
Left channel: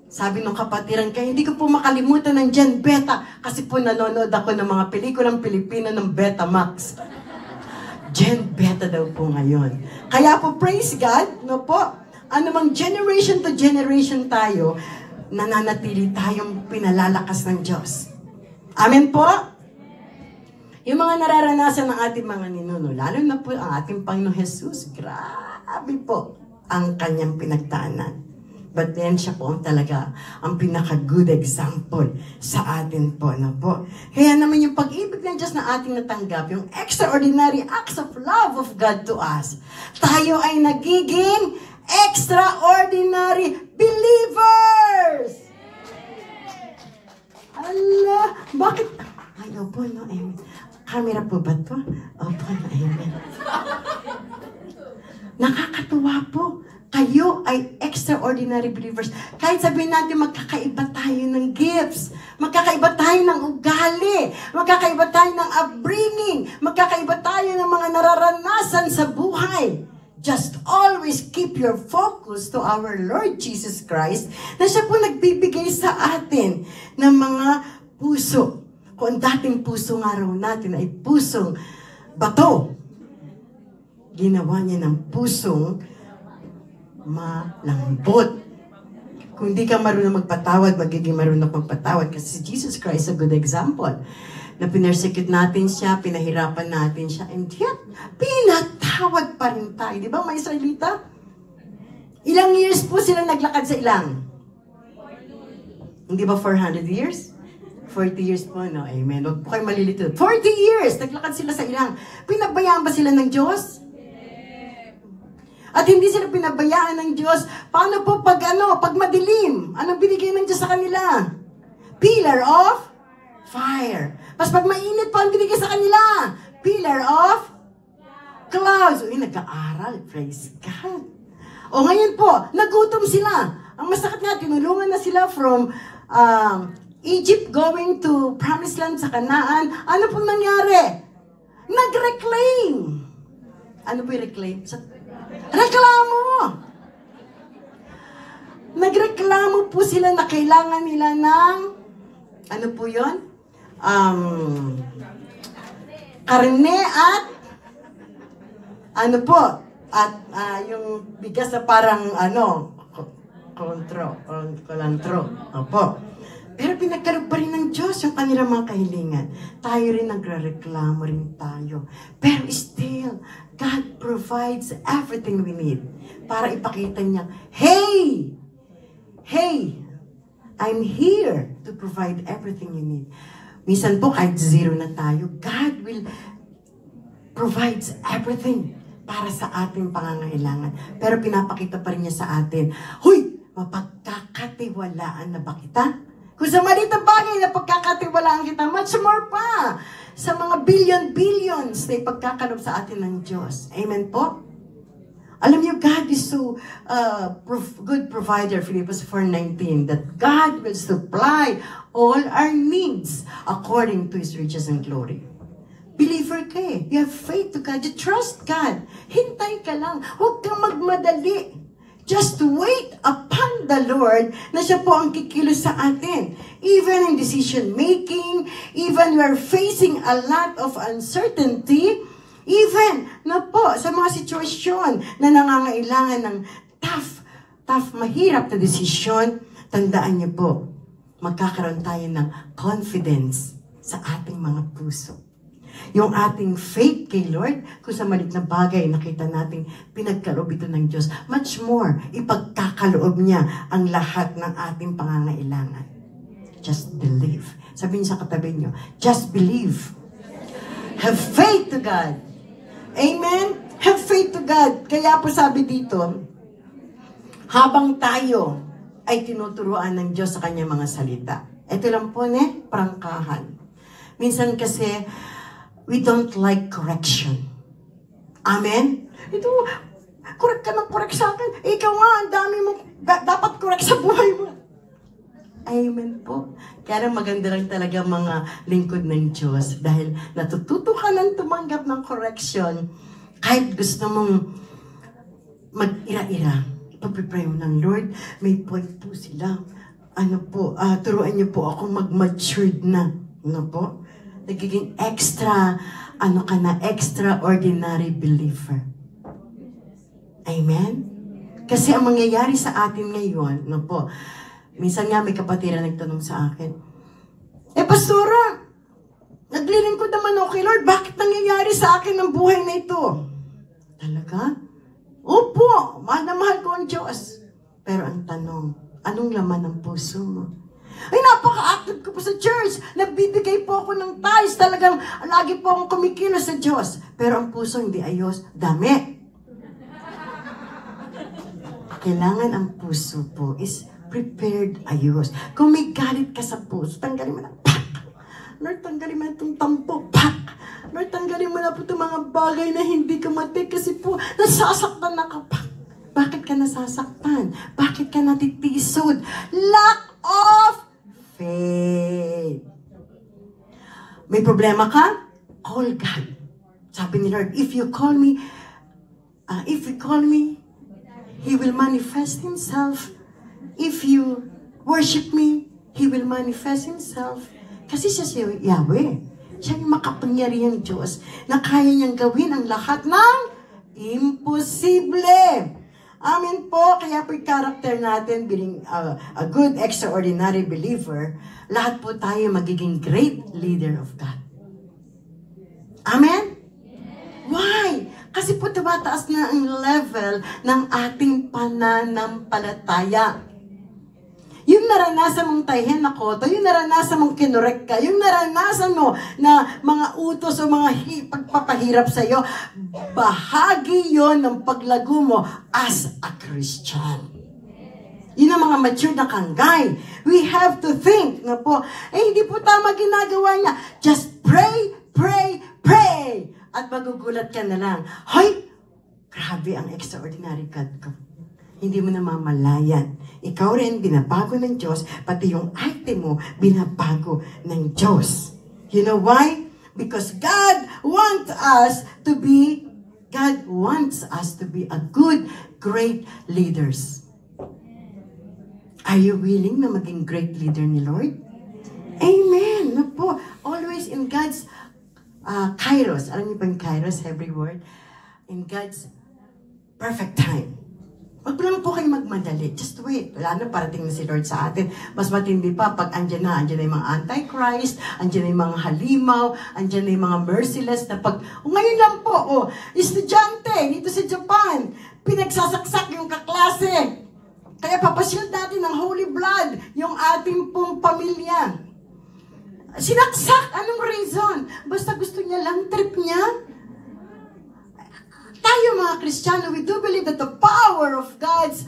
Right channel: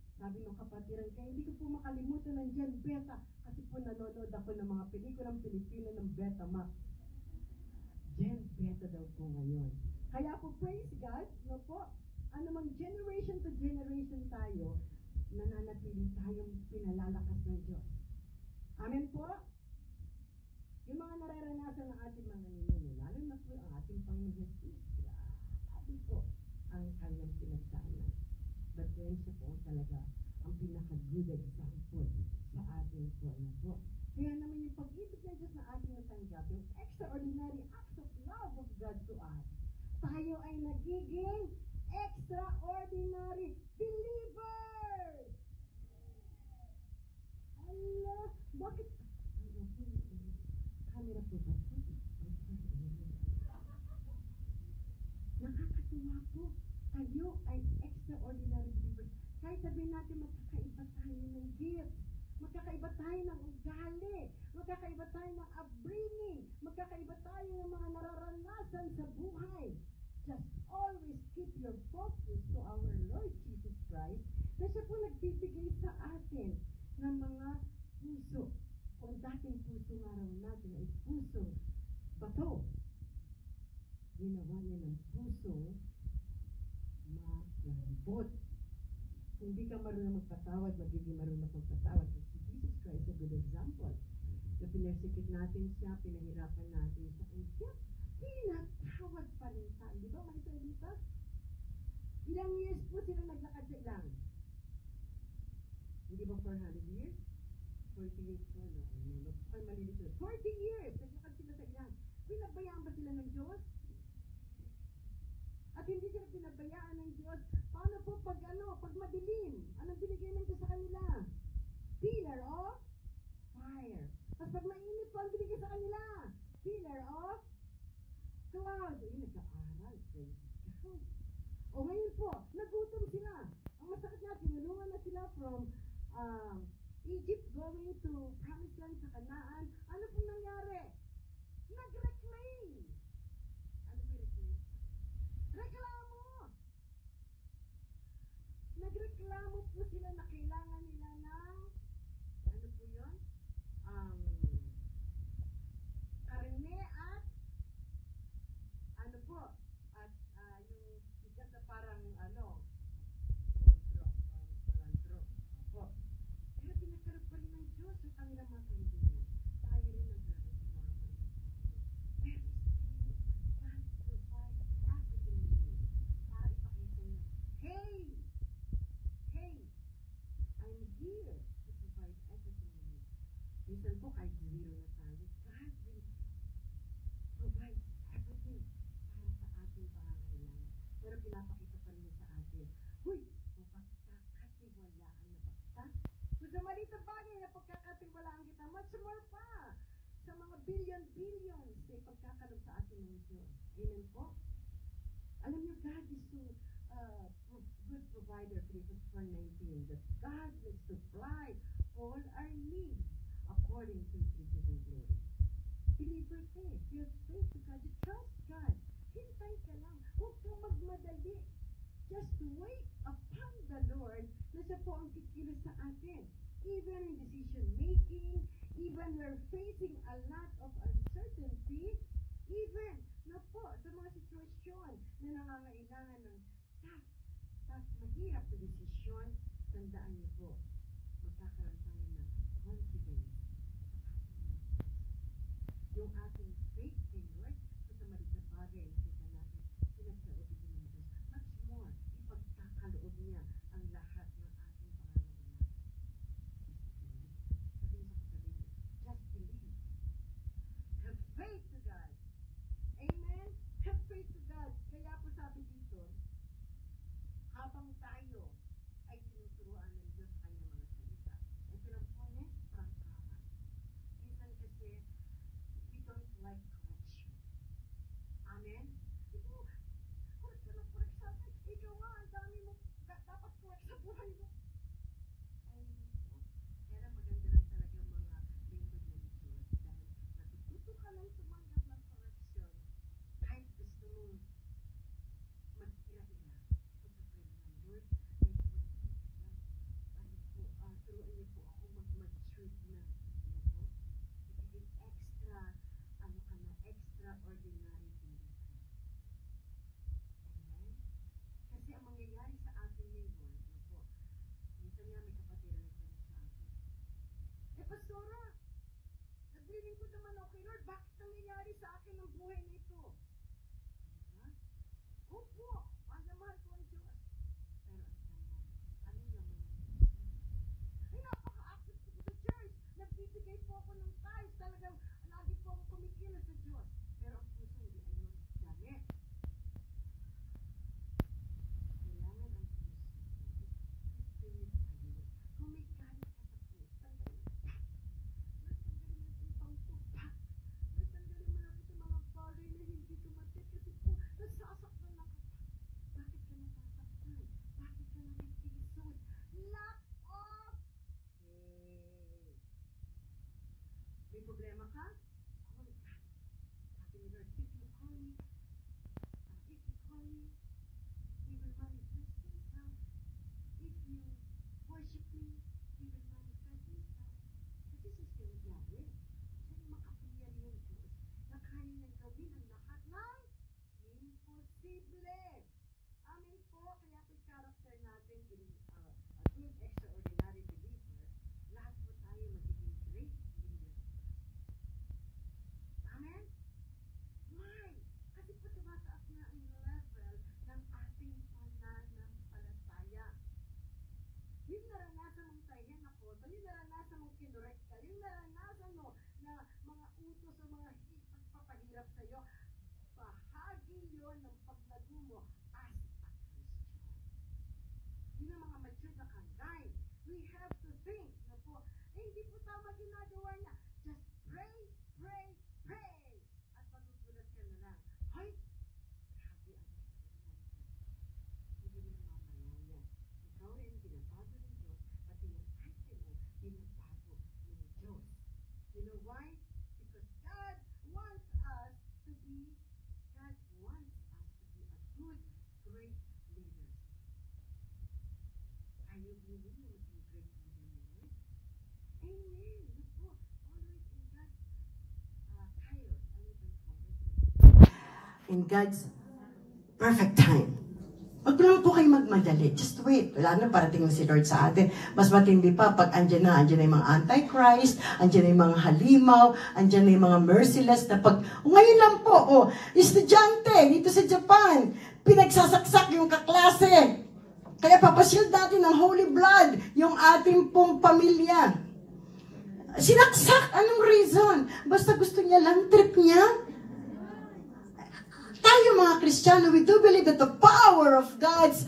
Sabi ng kapatiran kaya hindi ko po makalimutan ng Gen Beta kasi po nanonood ako ng mga pelikulang Pilipino ng Betamax. Gen Beta daw po ngayon. Kaya po praise God, no po, anumang generation to generation tayo, nananatili tayong pinalalakas ng Diyos. Amen po? Yung mga nararanasan ng ating mga ninuno, lalo na po ang ating Panginoong Jesus, grabe po ang kanyang pinagdaanan. But then siya po ang talaga ang pinaka-good example sa atin po. No po? Kaya naman yung pag-ibig ng Diyos na ating natanggap, yung extraordinary acts of love of God to us, tayo ay nagiging extraordinary believers! Ala, bakit? Ay, opo, no, amen. Camera po ba ito? Opo, no, amen. Nakakatuwa po. Kayo ay extraordinary believers. Kahit sabihin natin magkakaiba tayo ng gifts, magkakaiba tayo ng ugali, magkakaiba tayo ng upbringing, magkakaiba tayo ng mga nararanasan sa buhay. Just always keep your focus to our Lord Jesus Christ na siya po nagbibigay sa atin ng mga puso. Kung dating puso nga raw natin ay pusong bato, ginawa niya ng pusong malambot. Kung di ka marunong magpatawad, magiging marunong magpatawad kasi si Jesus Christ is a good example. Na pinersecute natin siya, pinahirapan natin siya, and yet, pinatawad pa rin tayo. Di ba, mga Israelita? Ilang years po sila naglakad sa ilang? Hindi ba 400 years? 40 years po, no? Amen. Huwag po kayo malilito. 40 years! Naglakad sila sa ilang. Pinabayaan ba sila ng Diyos? At hindi sila pinabayaan ng Diyos. Paano po pag madilim? Anong binigay ng Diyos sa kanila? Pillar of fire. Pas pag mainit pa ang binigay sa kanila, pillar of clouds. Uy, nag-aaral. Praise God. O ngayon po, nagutom sila. Ang masakit nga, tinulungan na sila from Egypt going to Promised Land sa Canaan. Ano pong nangyari? Nag-reclaim. Ano po yung reclaim? Reklamo! Nagreklamo po sila na kailangan nila ng, ano po yun? Karne at, ano po, at yung bigas na parang, kolantro. Opo. Pero pinagkalog pa rin ng Diyos yung kanilang mga kahilingan. Tayo rin nagre-reklamo rin tayo. Pero still, God provides everything we need para ipakita niya, hey, I'm here to provide everything you need. Minsan po, kahit zero na tayo, God will provides everything para sa ating pangangailangan. Pero pinapakita pa rin niya sa atin, huy, mapagkakatiwalaan na ba kita? Kung sa maliit na bagay na pagkakatiwalaan kita, much more pa sa mga billions na ipagkakalob sa atin ng Diyos. Amen po? Alam niyo, God is so good provider, Philippians 4:19, that God will supply all our needs according to His riches and glory. Believer ka eh. You have faith to God. You trust God. Hintay ka lang. Huwag kang magmadali. Just wait upon the Lord na siya po ang kikilos sa atin. Even in decision making, even we are facing a lot of uncertainty, even na po sa mga sitwasyon na nangangailangan ng tough, mahirap na desisyon, tandaan niyo po, magkakaroon tayo ng confidence sa ating mga puso. Yung ating faith kay Lord, kung sa malit na bagay nakita nating pinagkaloob ito ng Diyos, much more, ipagkakaloob niya ang lahat ng ating pangangailangan. Just believe. Sabihin sa katabi niyo, just believe. Have faith to God. Amen? Have faith to God. Kaya po sabi dito, habang tayo ay tinuturuan ng Diyos sa kanyang mga salita. Ito lang po, prangkahan. Minsan kasi, we don't like correction. Amen? Ito, correct ka ng correct sa akin. Ikaw nga, ang dami mo, dapat correct sa buhay mo. Amen po. Kaya maganda lang talaga mga lingkod ng Diyos dahil natututo ka ng tumanggap ng correction kahit gusto mong mag-ira-ira. Ipag-pray mo ng Lord, may point po sila. Turuan niyo po ako mag-matured na. Po? Nagiging extraordinary believer. Amen? Kasi ang mangyayari sa atin ngayon, po, minsan nga may kapatid na nagtanong sa akin, Pastora, naglilingkod naman ako kay Lord, bakit nangyayari sa akin ang buhay na ito? Talaga? Opo, mahal na mahal ko ang Diyos. Pero ang tanong, anong laman ng puso mo? Ay, napaka-active ko po sa church. Nagbibigay po ako ng tithes. Talagang lagi po akong kumikilos sa Diyos. Pero ang puso hindi ayos. Dami. Kailangan ang puso po is prepared ayos. Kung may galit ka sa puso, tanggalin mo na, pak! Lord, tanggalin mo na itong tampo, pak! Lord, tanggalin mo na po itong mga bagay na hindi ka matik kasi po, nasasaktan na ka, pak! Bakit ka nasasaktan? Bakit ka natitisod? Lack of faith. May problema ka? Call God. Sabi ni Lord, if you call me, He will manifest Himself. If you worship me, He will manifest Himself. Kasi siya si Yahweh. Siya yung makapangyarihang Diyos na kaya niyang gawin ang lahat ng imposible. Amen po. Kaya po yung character natin, being a good, extraordinary believer, lahat po tayo magiging great leader of God. Amen? Why? Kasi po tumataas na ang level ng ating pananampalataya. Yung naranasan mong tayhen na koto, yung naranasan mong kinurek ka, yung naranasan mo na mga utos o mga pagpapahirap sa'yo, bahagi yon ng paglago mo as a Christian. Yun ang mga mature na kanggay. We have to think hindi po tama ginagawa niya. Just pray, pray, pray. At magugulat ka na lang, hoy! Grabe ang extraordinary God ko. Hindi mo namamalayan. Ikaw rin, binabago ng Diyos, pati yung arte mo, binabago ng Diyos. You know why? Because God wants us to be a good, great leaders. Are you willing na maging great leader ni Lord? Amen! No po. Always in God's kairos. Alam niyo ba yung kairos, every word? In God's perfect time. Wag lang po kayo magmadali. Just wait. Wala na, parating na si Lord sa atin. Mas matindi pa pag andyan na yung mga antichrist, andyan na yung mga halimaw, andyan na yung mga merciless na pag, ngayon lang po, estudyante, dito sa Japan, pinagsasaksak yung kaklase. Kaya papashield natin ng holy blood yung ating pong pamilya. Sinaksak, anong reason? Basta gusto niya lang, trip niya. Tayo mga Kristiyano, we do believe that the power of God's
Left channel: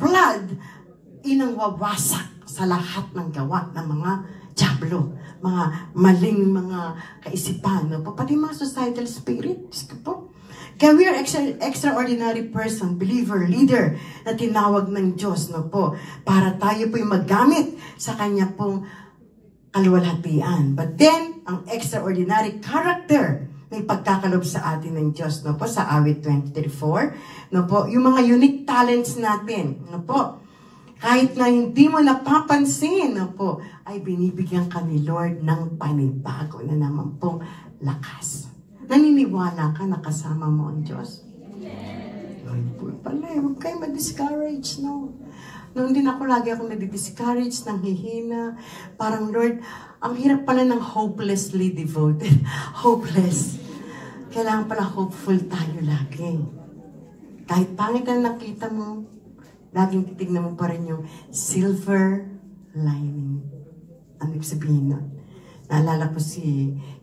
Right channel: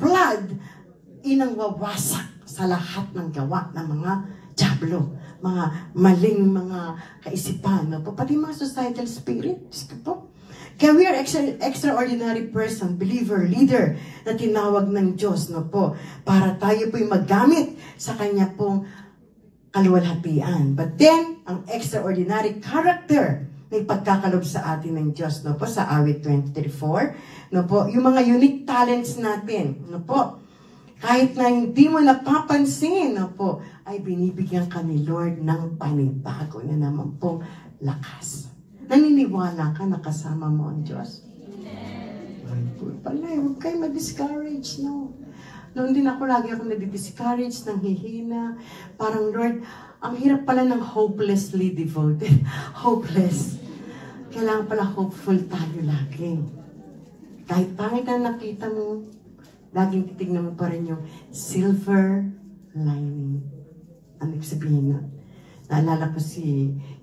blood inang wawasak sa lahat ng gawa ng mga diablo, mga maling mga kaisipan, no? Pati mga societal spirit. Kaya we are extraordinary person, believer, leader na tinawag ng Diyos, no po, para tayo po'y magamit sa Kanya pong kaluwalhatian. But then, ang extraordinary character may pagkakalob sa atin ng Diyos, no po, sa awit 20:34, no po, yung mga unique talents natin, no po, kahit na hindi mo napapansin, no po, ay binibigyan ka ni Lord ng panibago na naman pong lakas. Naniniwala ka na kasama mo ang Diyos? Lord, pala, huwag kayo ma-discourage, no? Noon din ako, lagi akong nadi-discourage, nang hihina. Parang, Lord, ang hirap pala ng hopelessly devoted. Hopeless. Kailangan pala hopeful tayo lagi. Kahit pangit na nakita mo, laging titignan mo pa rin yung silver lining. Ano ibig sabihin nun? Naalala ko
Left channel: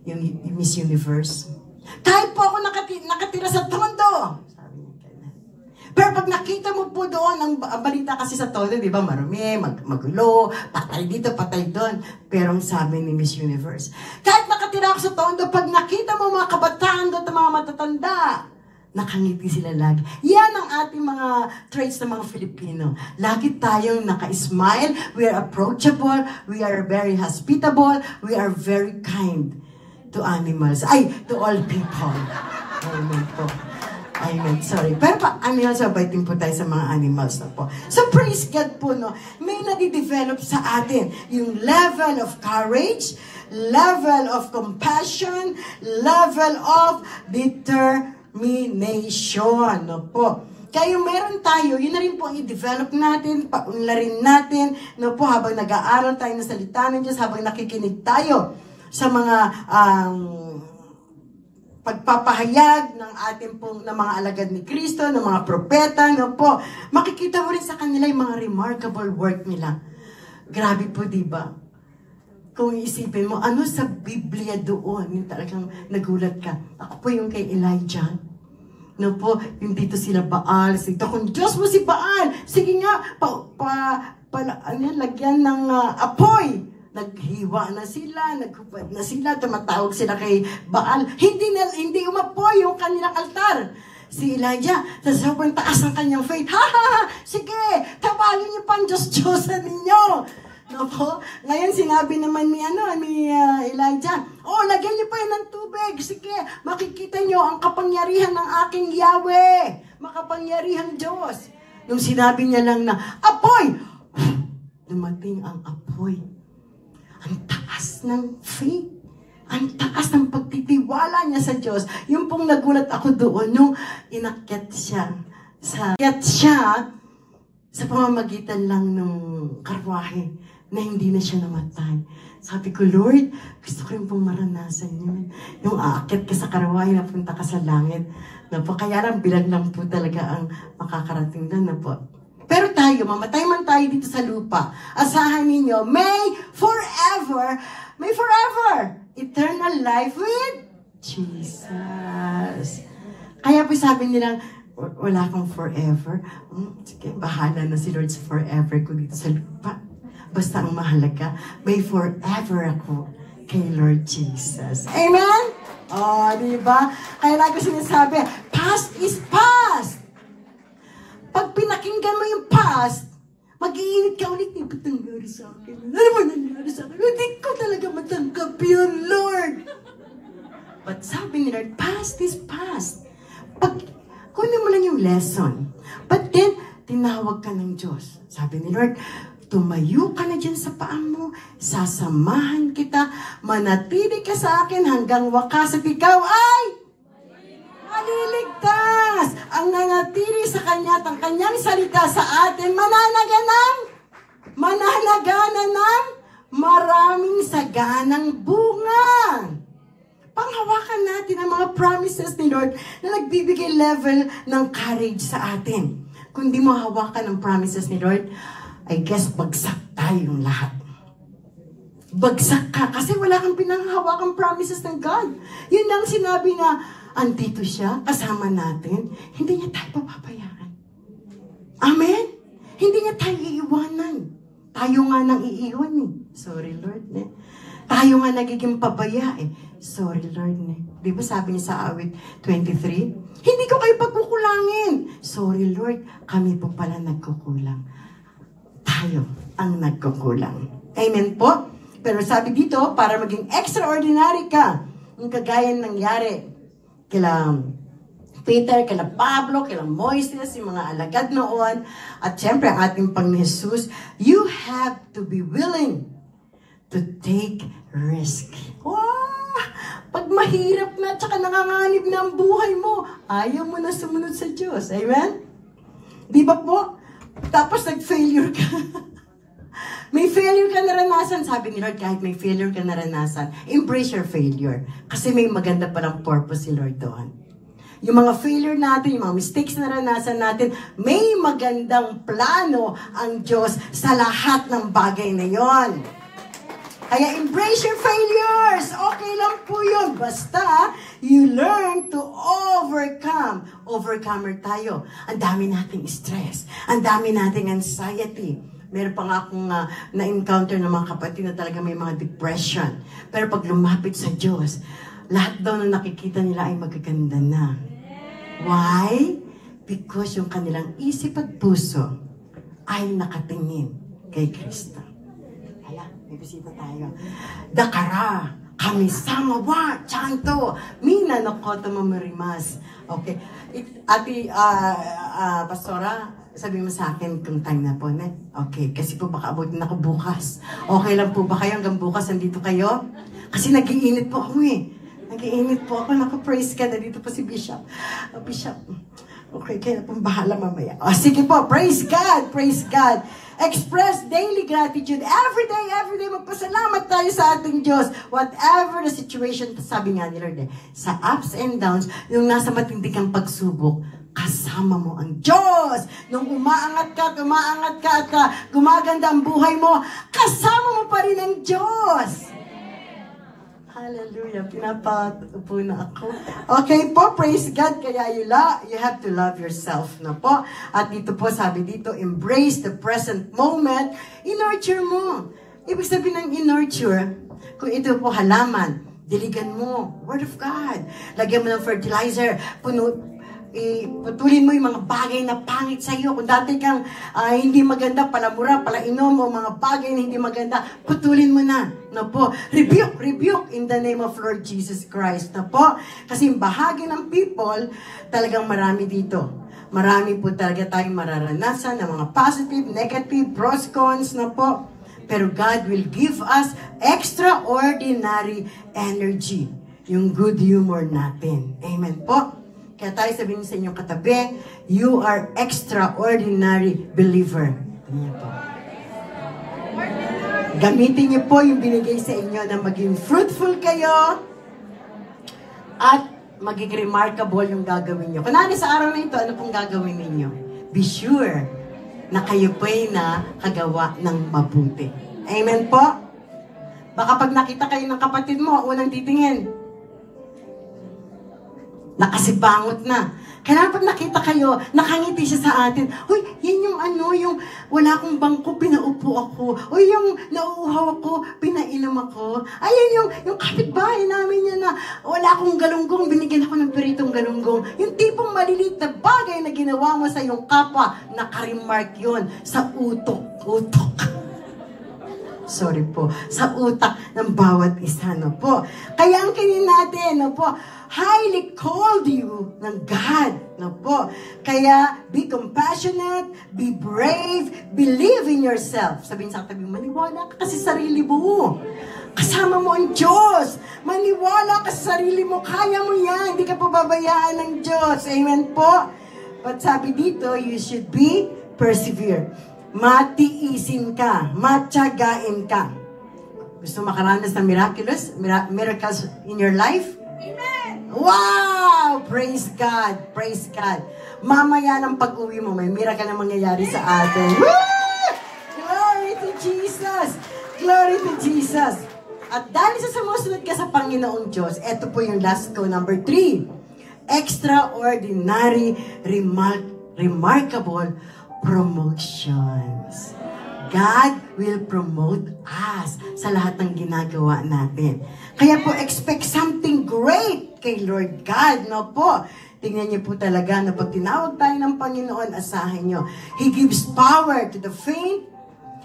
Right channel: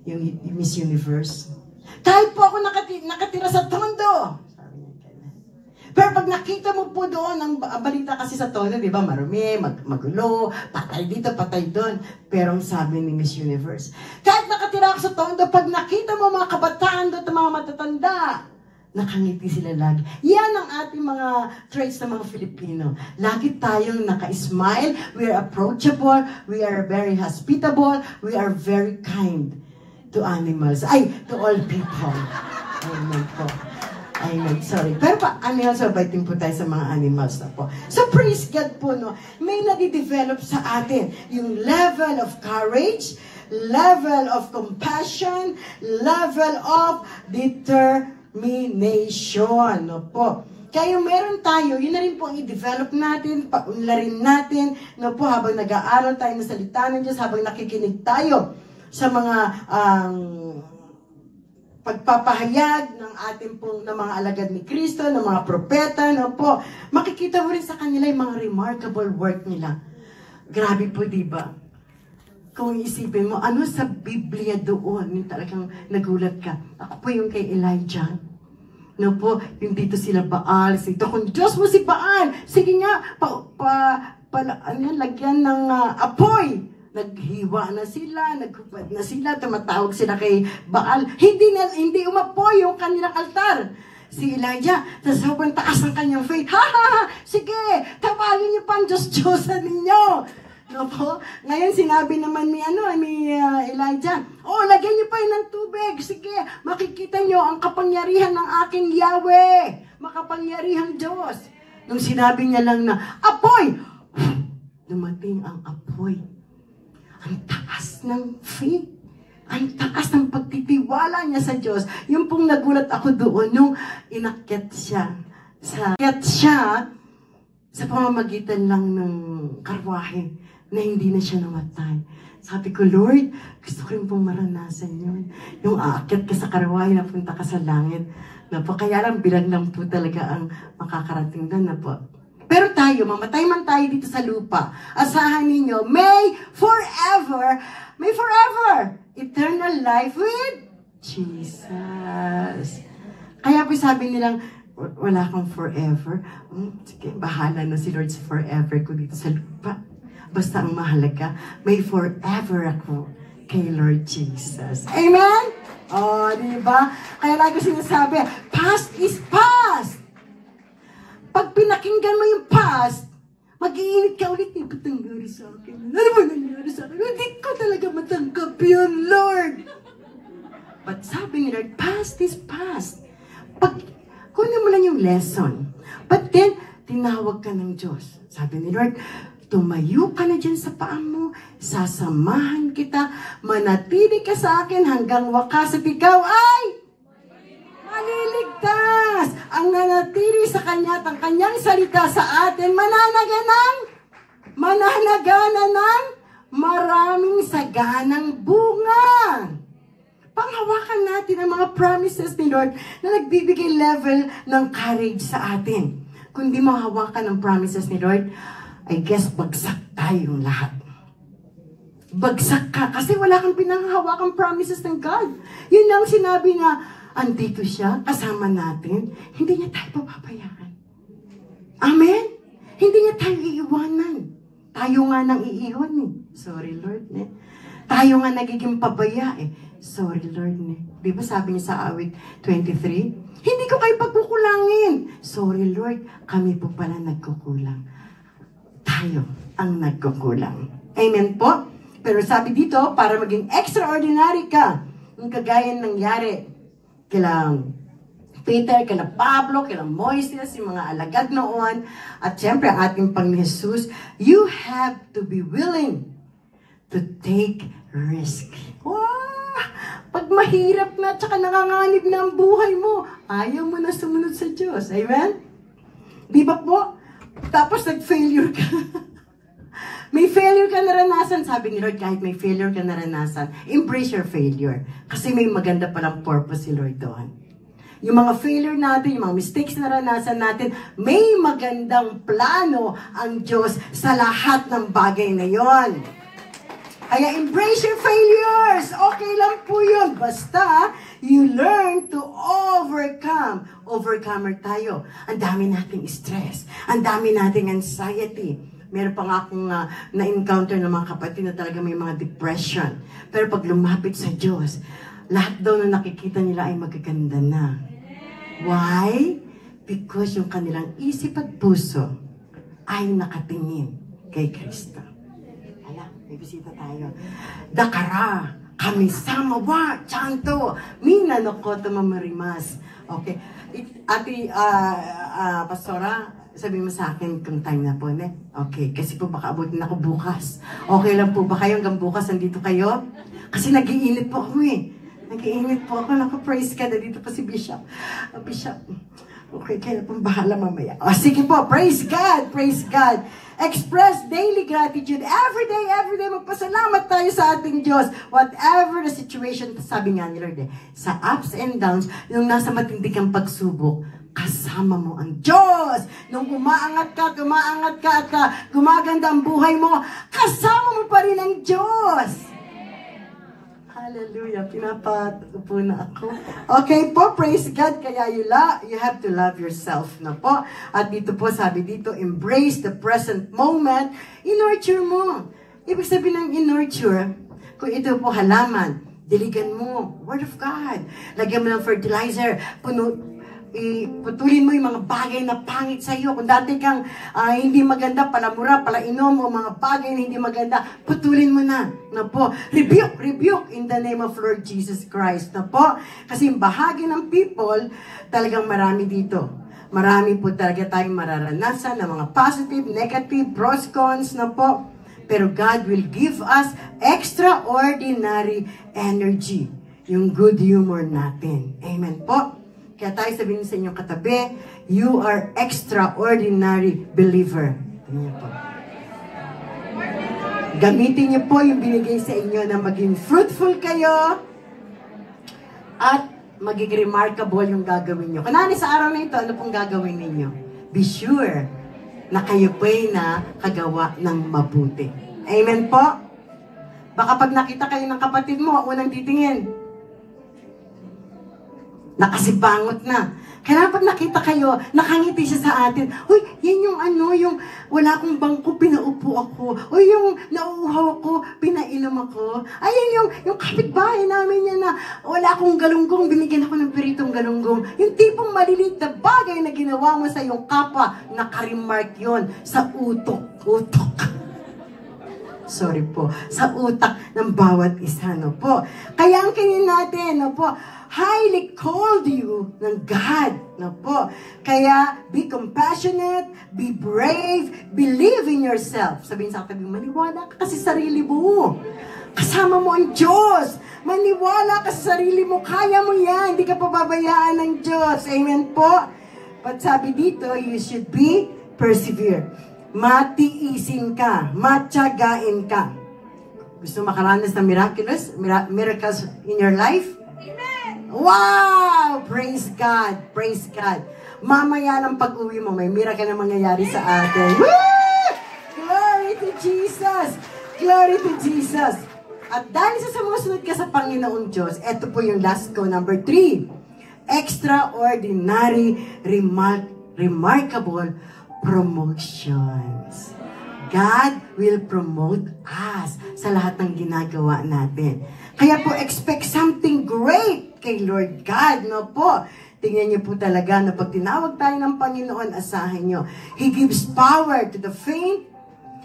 yung Miss Universe. Kahit po ako nakatira sa Tondo. Sabi niya ganyan. Pero pag nakita mo po doon, ang balita kasi sa Tondo, di ba, marumi, magulo, patay dito, patay doon. Pero ang sabi ni Miss Universe, kahit nakatira ako sa Tondo, pag nakita mo mga kabataan doon, mga matatanda, nakangiti sila lagi. Yan ang ating mga traits ng mga Filipino. Lagi tayong naka-smile, we are approachable, we are very hospitable, we are very kind to animals. To all people. Amen po. Amen, sorry. Pero animals, mabaiting po tayo sa mga animals na po. So praise God po, no? May nadidevelop sa atin yung level of courage, level of compassion, level of determination, no po. Kaya meron tayo, yun na rin po i-develop natin, paunlarin natin, no po, habang nag-aaral tayo ng salita ng Diyos, habang nakikinig tayo sa mga pagpapahayag ng ating pong ng mga alagad ni Kristo, ng mga propeta, no po. Makikita mo rin sa kanila yung mga remarkable work nila. Grabe po, di ba? Kung iisipin mo, ano sa Biblia doon, yung talagang nagulat ka. Ako po yung kay Elijah. No po, yung dito sila Baal, dito, kung Diyos mo si Baal, sige nga, lagyan ng apoy. Naghiwa na sila, nagkupad na sila, tumatawag sila kay Baal. Hindi umapoy yung kanilang altar. Si Elijah, sa sobrang taas ng kanyang faith, sige, tawagin niyo pa ang Diyos-Diyosan ninyo. No po? Ngayon sinabi naman ni Elijah, lagyan niyo pa yun ng tubig. Sige, makikita niyo ang kapangyarihan ng aking Yahweh. Makapangyarihang Diyos. Nung sinabi niya lang na, apoy! Dumating ang apoy. Ang taas ng faith. Ang taas ng pagtitiwala niya sa Diyos. Yung pong nagulat ako doon, nung inakyat siya sa pamamagitan lang ng karwahe na hindi na siya namatay. Sabi ko, Lord, gusto ko rin pong maranasan yun. Yung aakyat ka sa karwahe, napunta ka sa langit. Kaya lang, bilang lang po talaga ang makakarating doon. Pero tayo, mamatay man tayo dito sa lupa, asahan ninyo, may forever, eternal life with Jesus. Kaya po sabi nilang, wala kang forever. Sige, bahala na si Lord sa forever ko dito sa lupa. Basta ang mahalaga, may forever ako kay Lord Jesus. Amen? Oh, di ba? Kaya lagi sinasabi, past is past. Pag pinakinggan mo yung past, mag-iinit ka ulit, ba't nangyari sa akin? Ano ba nangyari sa akin? Hindi ko talaga matanggap yun, Lord. But sabi ni Lord, past is past. Kunin mo lang yung lesson. But then, tinawag ka ng Diyos. Sabi ni Lord, tumayo ka na dyan sa paa mo, sasamahan kita, manatili ka sa akin hanggang wakas at ikaw ay maliligtas. Ang nanatili sa Kanya at ang Kanyang salita sa atin, mananagana ng maraming saganang bunga. Panghawakan natin ang mga promises ni Lord na nagbibigay level ng courage sa atin. Kung di mo hawakan ang promises ni Lord, I guess bagsak tayong lahat. Bagsak ka kasi wala kang pinanghawakang promises ng God. Yun ang sinabi nga, andito siya, kasama natin, hindi niya tayo papabayaan. Amen? Hindi niya tayo iiwanan. Tayo nga nang iiwan eh. Sorry Lord. Tayo nga nagiging pabaya eh. Sorry Lord. Di ba sabi niya sa awit 23? Hindi ko kayo pagkukulangin. Sorry Lord, kami po pala nagkukulang. Tayo ang nagkukulang. Amen po? Pero sabi dito, para maging extraordinary ka, yung kagaya nangyari kila Peter, kila Pablo, kila Moises, yung mga alagad noon, at syempre ating Panginoon Jesus, you have to be willing to take risk. Wow! Pag mahirap na, tsaka nanganganib na ang buhay mo, ayaw mo na sumunod sa Diyos. Amen? Di ba po? Tapos nag-failure ka. May failure ka naranasan. Sabi ni Lord, kahit may failure ka naranasan, embrace your failure. Kasi may maganda palang purpose si Lord doon. Yung mga failure natin, yung mga mistakes na naranasan natin, may magandang plano ang Diyos sa lahat ng bagay na yon. Kaya embrace your failures. Okay lang po yun. Basta, you learn to overcome. Overcomer tayo. Ang dami nating stress. Ang dami nating anxiety. Meron pa nga akong na-encounter ng mga kapatid na talaga may mga depression. Pero pag lumapit sa Diyos, lahat daw na nakikita nila ay magaganda na. Why? Because yung kanilang isip at puso ay nakatingin kay Kristo. May bisita tayo. Dakara, kami sama wa, chanto, mina no koto mamarimas. Okay. Ate, Pastora, sabi mo sa akin kung time na po, ne? Okay, kasi po baka abutin ako bukas. Okay lang po ba kayo hanggang bukas nandito kayo? Kasi nag-iinit po ako eh. Nag-iinit po ako. Naku, praise ka. Nandito pa si Bishop. Bishop, okay, kaya pong bahala mamaya. Sige po, praise God, praise God. Express daily gratitude. Every day, magpasalamat tayo sa ating Diyos. Whatever the situation, sabi nga ni Lord, sa ups and downs, yung nasa matindi kang pagsubok, kasama mo ang Diyos. Nung umaangat ka at gumaganda ang buhay mo, kasama mo pa rin ang Diyos. Hallelujah. Pinapatupo na ako. Okay po, praise God. Kaya you have to love yourself na po. At dito po, sabi dito, embrace the present moment. I-nurture mo. Ibig sabihin ng i-nurture, kung ito po halaman, diligan mo. Word of God. Lagyan mo ng fertilizer. Putulin mo yung mga bagay na pangit sa iyo. Kung dati kang hindi maganda, palamura, palainom, o mga bagay na hindi maganda, putulin mo na. Na po. Rebuke in the name of Lord Jesus Christ. Na po. Kasi yung bahagi ng people, talagang marami dito. Marami po talaga tayong mararanasan ng mga positive, negative, pros, cons na po. Pero God will give us extraordinary energy. Yung good humor natin. Amen po. Kaya tayo sabihin sa inyong katabi, you are extraordinary believer. Tingnan po. Gamitin niyo po yung binigay sa inyo na maging fruitful kayo at magiging remarkable yung gagawin niyo. Kanani sa araw na ito, ano pong gagawin ninyo? Be sure na kayo po'y nakagawa ng mabuti. Amen po? Baka pag nakita kayo ng kapatid mo, unang titingin, nakasibangot na. Kailangan pag nakita kayo, nakangiti siya sa atin. Uy, yan yung yung wala akong bangko, pinaupo ako. Uy, yung nauuhaw ako, pinainom ako. Ayun yung kapitbahay namin yan na wala akong galunggong, binigyan ako ng peritong galunggong. Yung tipong maliliit na bagay na ginawa mo sa iyong kapwa, naka-remark yun sa utok. Sorry po, sa utak ng bawat isa, no po. Kaya ang kinin natin, no po, highly called you ng God, no po. Kaya, be compassionate, be brave, believe in yourself. Sabihin sa katabi, maniwala ka kasi sa sarili mo. Kasama mo ang Diyos. Maniwala ka sa sarili mo. Kaya mo yan. Hindi ka pababayaan ng Diyos. Amen po. But sabi dito, you should be persevere. Matiisin ka, matiyagain ka. Gusto makaranas ng miracles in your life? Amen! Wow! Praise God! Praise God! Mamaya ng pag-uwi mo, may miracle na mangyayari sa atin. Woo! Glory to Jesus! Glory to Jesus! At dahil sa sumusunod ka sa Panginoong Diyos, ito po yung last ko, number 3. Extraordinary, remarkable promotions. God will promote us sa lahat ng ginagawa natin. Kaya po, expect something great kay Lord God, no po? Tingnan niyo po talaga na pag tinawag tayo ng Panginoon, asahin niyo. He gives power to the faint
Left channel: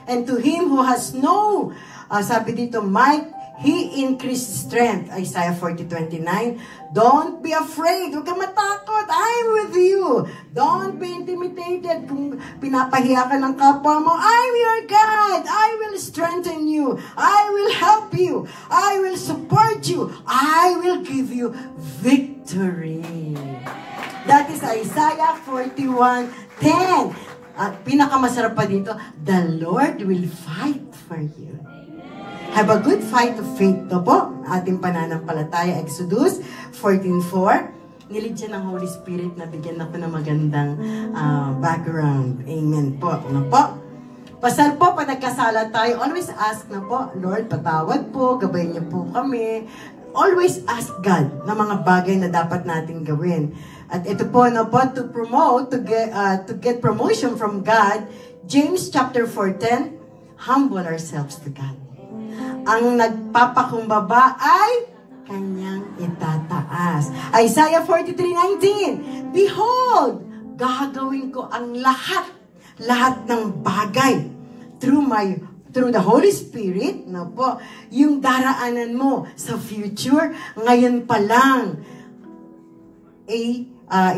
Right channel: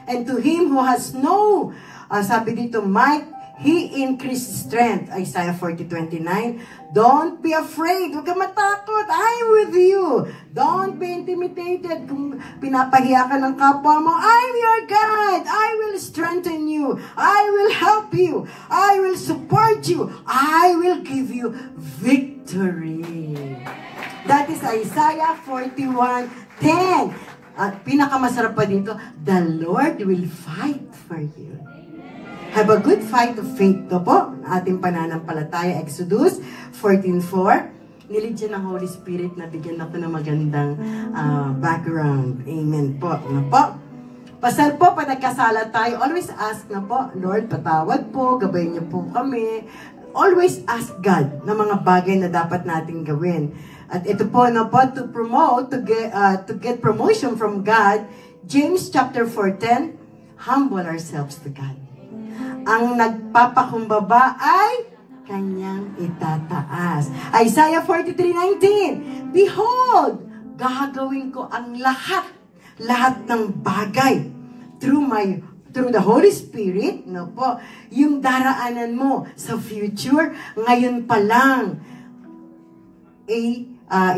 and to him who has no, sabi dito, might, He increased strength. Isaiah 40:29. Don't be afraid. Huwag ka matakot. I'm with you. Don't be intimidated. Kung pinapahiya ka ng kapwa mo, I'm your God. I will strengthen you. I will help you. I will support you. I will give you victory. That is Isaiah 41:10. At pinakamasarap pa dito, the Lord will fight for you. Have a good fight of faith. Ito po, ating pananampalataya. Exodus 14:4. Nilid siya ng Holy Spirit na bigyan ako ng magandang background. Amen po. Ano po? Pasal po, pag nagkasala tayo, always ask na po, Lord, patawad po, gabayin niyo po kami. Always ask God ng mga bagay na dapat nating gawin. At ito po, na po, to promote, to get promotion from God, James chapter 4:10, humble ourselves to God. Ang nagpapakumbaba ay kanyang itataas. Isaiah 43:19, behold, gagawin ko ang lahat ng bagay through the Holy Spirit, no po, yung daraanan mo sa future, ngayon pa lang,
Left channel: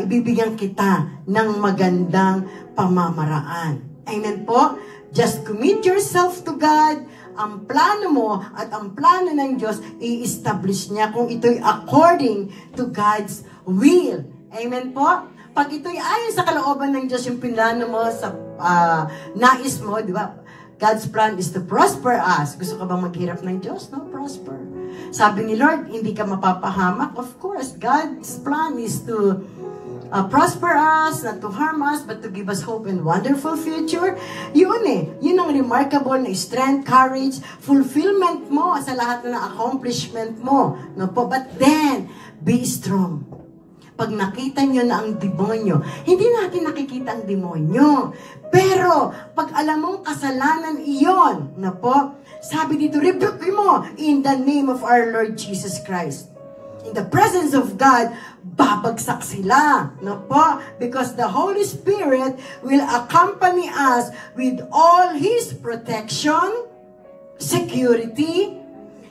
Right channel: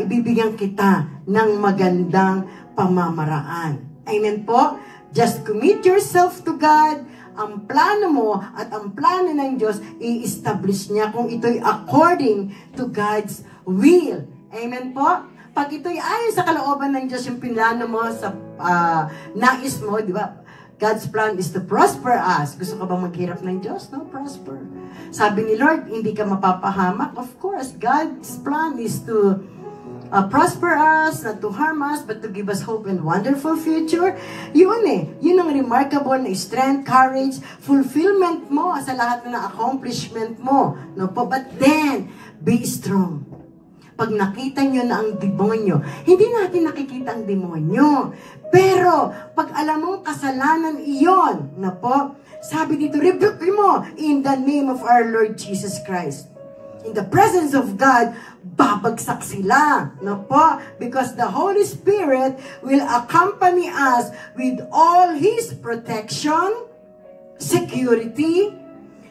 ibibigyan kita ng magandang pamamaraan. Amen po? Just commit yourself to God. Ang plano mo at ang plano ng Diyos, i-establish niya kung ito'y according to God's will. Amen po? Pag ito'y ayon sa kalooban ng Diyos, yung plano mo sa nais mo, di ba? God's plan is to prosper us. Gusto ka bang maghirap ng Diyos? No, prosper. Sabi ni Lord, hindi ka mapapahamak. Of course, God's plan is to prosper us, not to harm us, but to give us hope and wonderful future. Yun yun ang remarkable na strength, courage, fulfillment mo sa lahat na accomplishment mo. No po? But then, be strong. Pag nakita nyo na ang demonyo, hindi natin nakikita ang demonyo. Pero, pag alam mong kasalanan iyon, na po, sabi dito, rebuke mo in the name of our Lord Jesus Christ. In the presence of God, babagsak sila. No po? Because the Holy Spirit will accompany us with all His protection, security,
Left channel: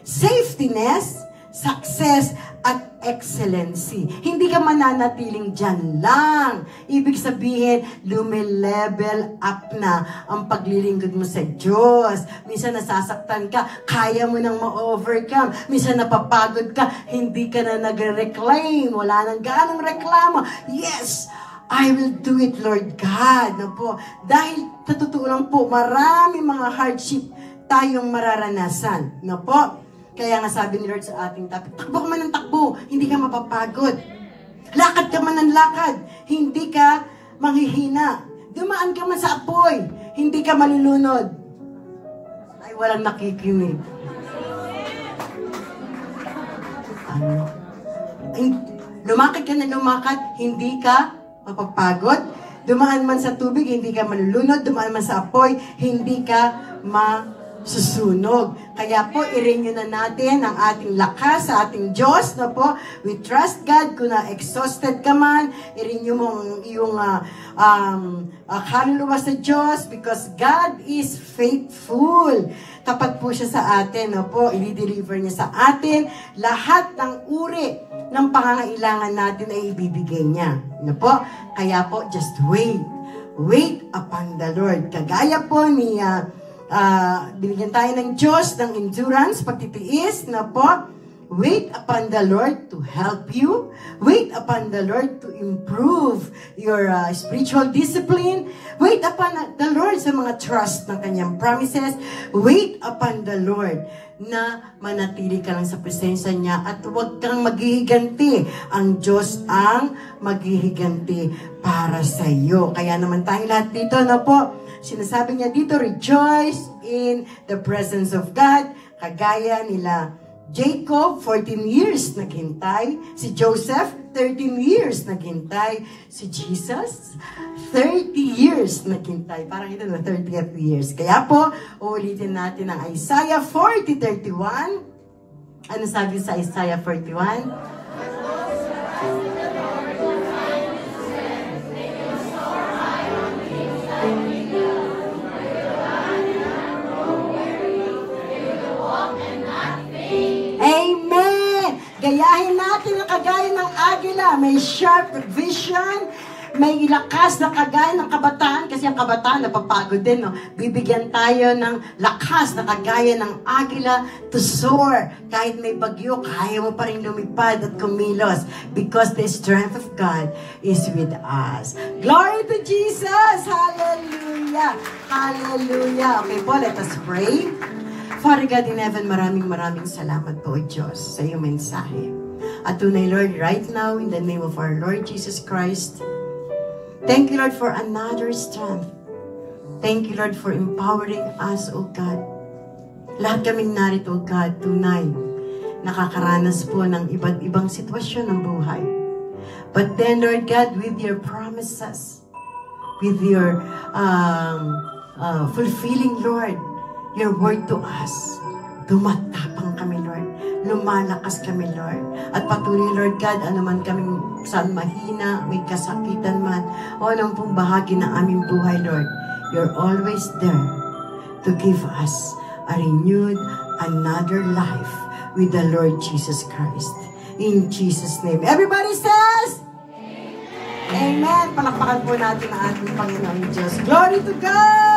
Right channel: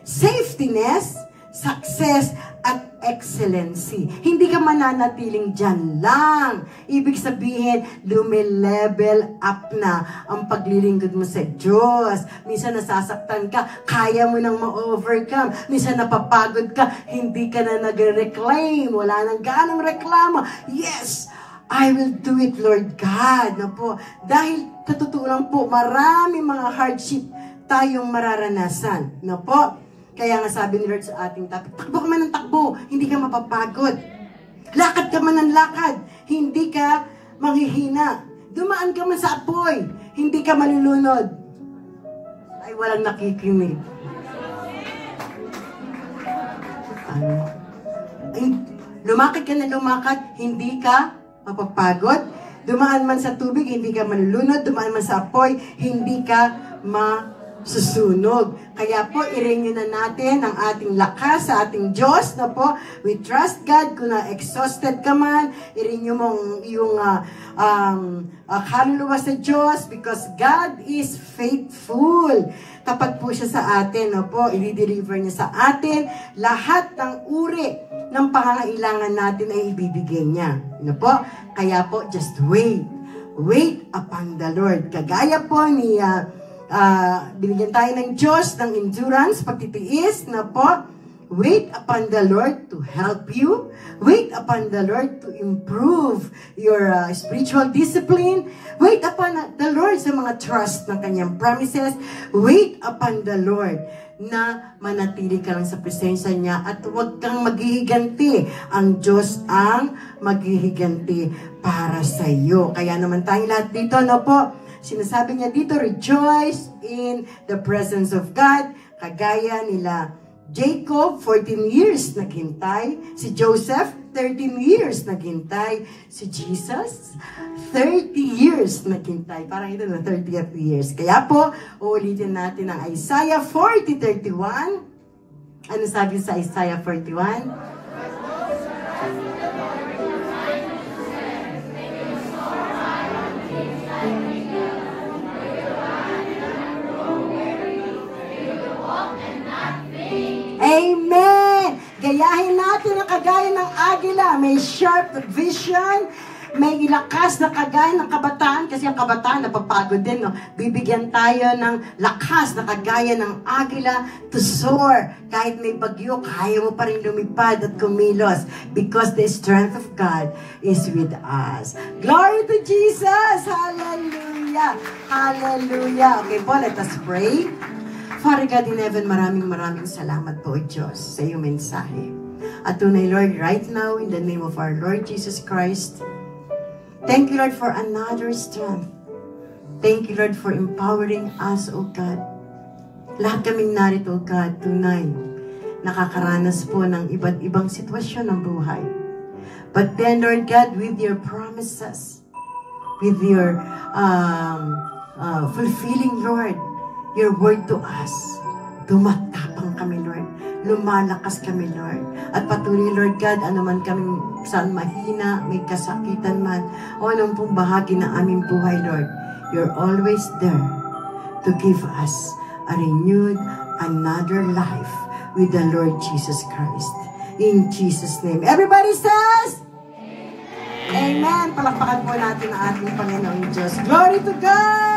safetyness, success, at excellency. Hindi ka mananatiling dyan lang. Ibig sabihin, lumilevel up na ang paglilingkod mo sa Diyos. Minsan nasasaktan ka, kaya mo nang ma-overcome. Minsan napapagod ka, hindi ka na nagre-reclaim. Wala nang ganong reklamo. Yes! I will do it, Lord God. No po? Dahil, totoo po, marami mga hardship tayong mararanasan. No po? Kaya nga sabi ni Lord sa ating topic, takbo ka man ng takbo, hindi ka mapapagod. Lakad ka man ng lakad, hindi ka manghihina. Dumaan ka man sa apoy, hindi ka malulunod. Ay, walang nakikinig. Lumakad ka na lumakad, hindi ka mapapagod. Dumaan man sa tubig, hindi ka malulunod. Dumaan man sa apoy, hindi ka masusunog. Kaya po, i-renew na natin ang ating lakas sa ating Diyos na po. We trust God. Kung na-exhausted ka man, i-renew mo yung kaluluwa sa Diyos because God is faithful. Tapat po siya sa atin. No po, i-deliver niya sa atin. Lahat ng uri ng pangangailangan natin ay ibibigay niya. No po? Kaya po, just wait. Wait upon the Lord. Kagaya po ni binigyan tayo ng Diyos ng endurance, pagtitiis, na po, wait upon the Lord to help you. Wait upon the Lord to improve your spiritual discipline. Wait upon the Lord sa mga trust ng kanyang promises. Wait upon the Lord na manatili ka lang sa presensya niya at huwag kang maghihiganti. Ang Diyos ang maghihiganti para sa iyo. Kaya naman tayong lahat dito na po, sinasabi niya dito, rejoice in the presence of God. Kagaya nila Jacob, 14 years naghintay. Si Joseph, 13 years naghintay. Si Jesus, 30 years naghintay. Parang ito na 30th years. Kaya po, uulitin natin ang Isaiah 40:31. Ano sabi sa Isaiah 41? Amen! Gayahin natin ang kagaya ng agila. May sharp vision, may lakas na kagaya ng kabataan, kasi ang kabataan napapagod din, no? Bibigyan tayo ng lakas na kagaya ng agila to soar. Kahit may bagyo, kaya mo pa rin lumipad at kumilos because the strength of God is with us. Glory to Jesus! Hallelujah! Hallelujah! Okay po, let us pray. Father God in heaven, maraming salamat po, Diyos, sa iyong mensahe. At tunay, Lord, right now, in the name of our Lord Jesus Christ, thank you, Lord, for another strength. Thank you, Lord, for empowering us, O God. Lahat kaming narito, O God, tunay, nakakaranas po ng iba't ibang sitwasyon ng buhay. But then, Lord God, with your promises, with your fulfilling, Lord, your word to us, tumatapang kami, Lord. Lumalakas kami, Lord. At patuloy, Lord God, anuman kami saan mahina, may kasakitan man, o anong pong bahagi na aming buhay, Lord, you're always there to give us a renewed, another life with the Lord Jesus Christ. In Jesus' name. Everybody says, Amen. Palakpakan po natin ang ating Panginoong Diyos. Glory to God!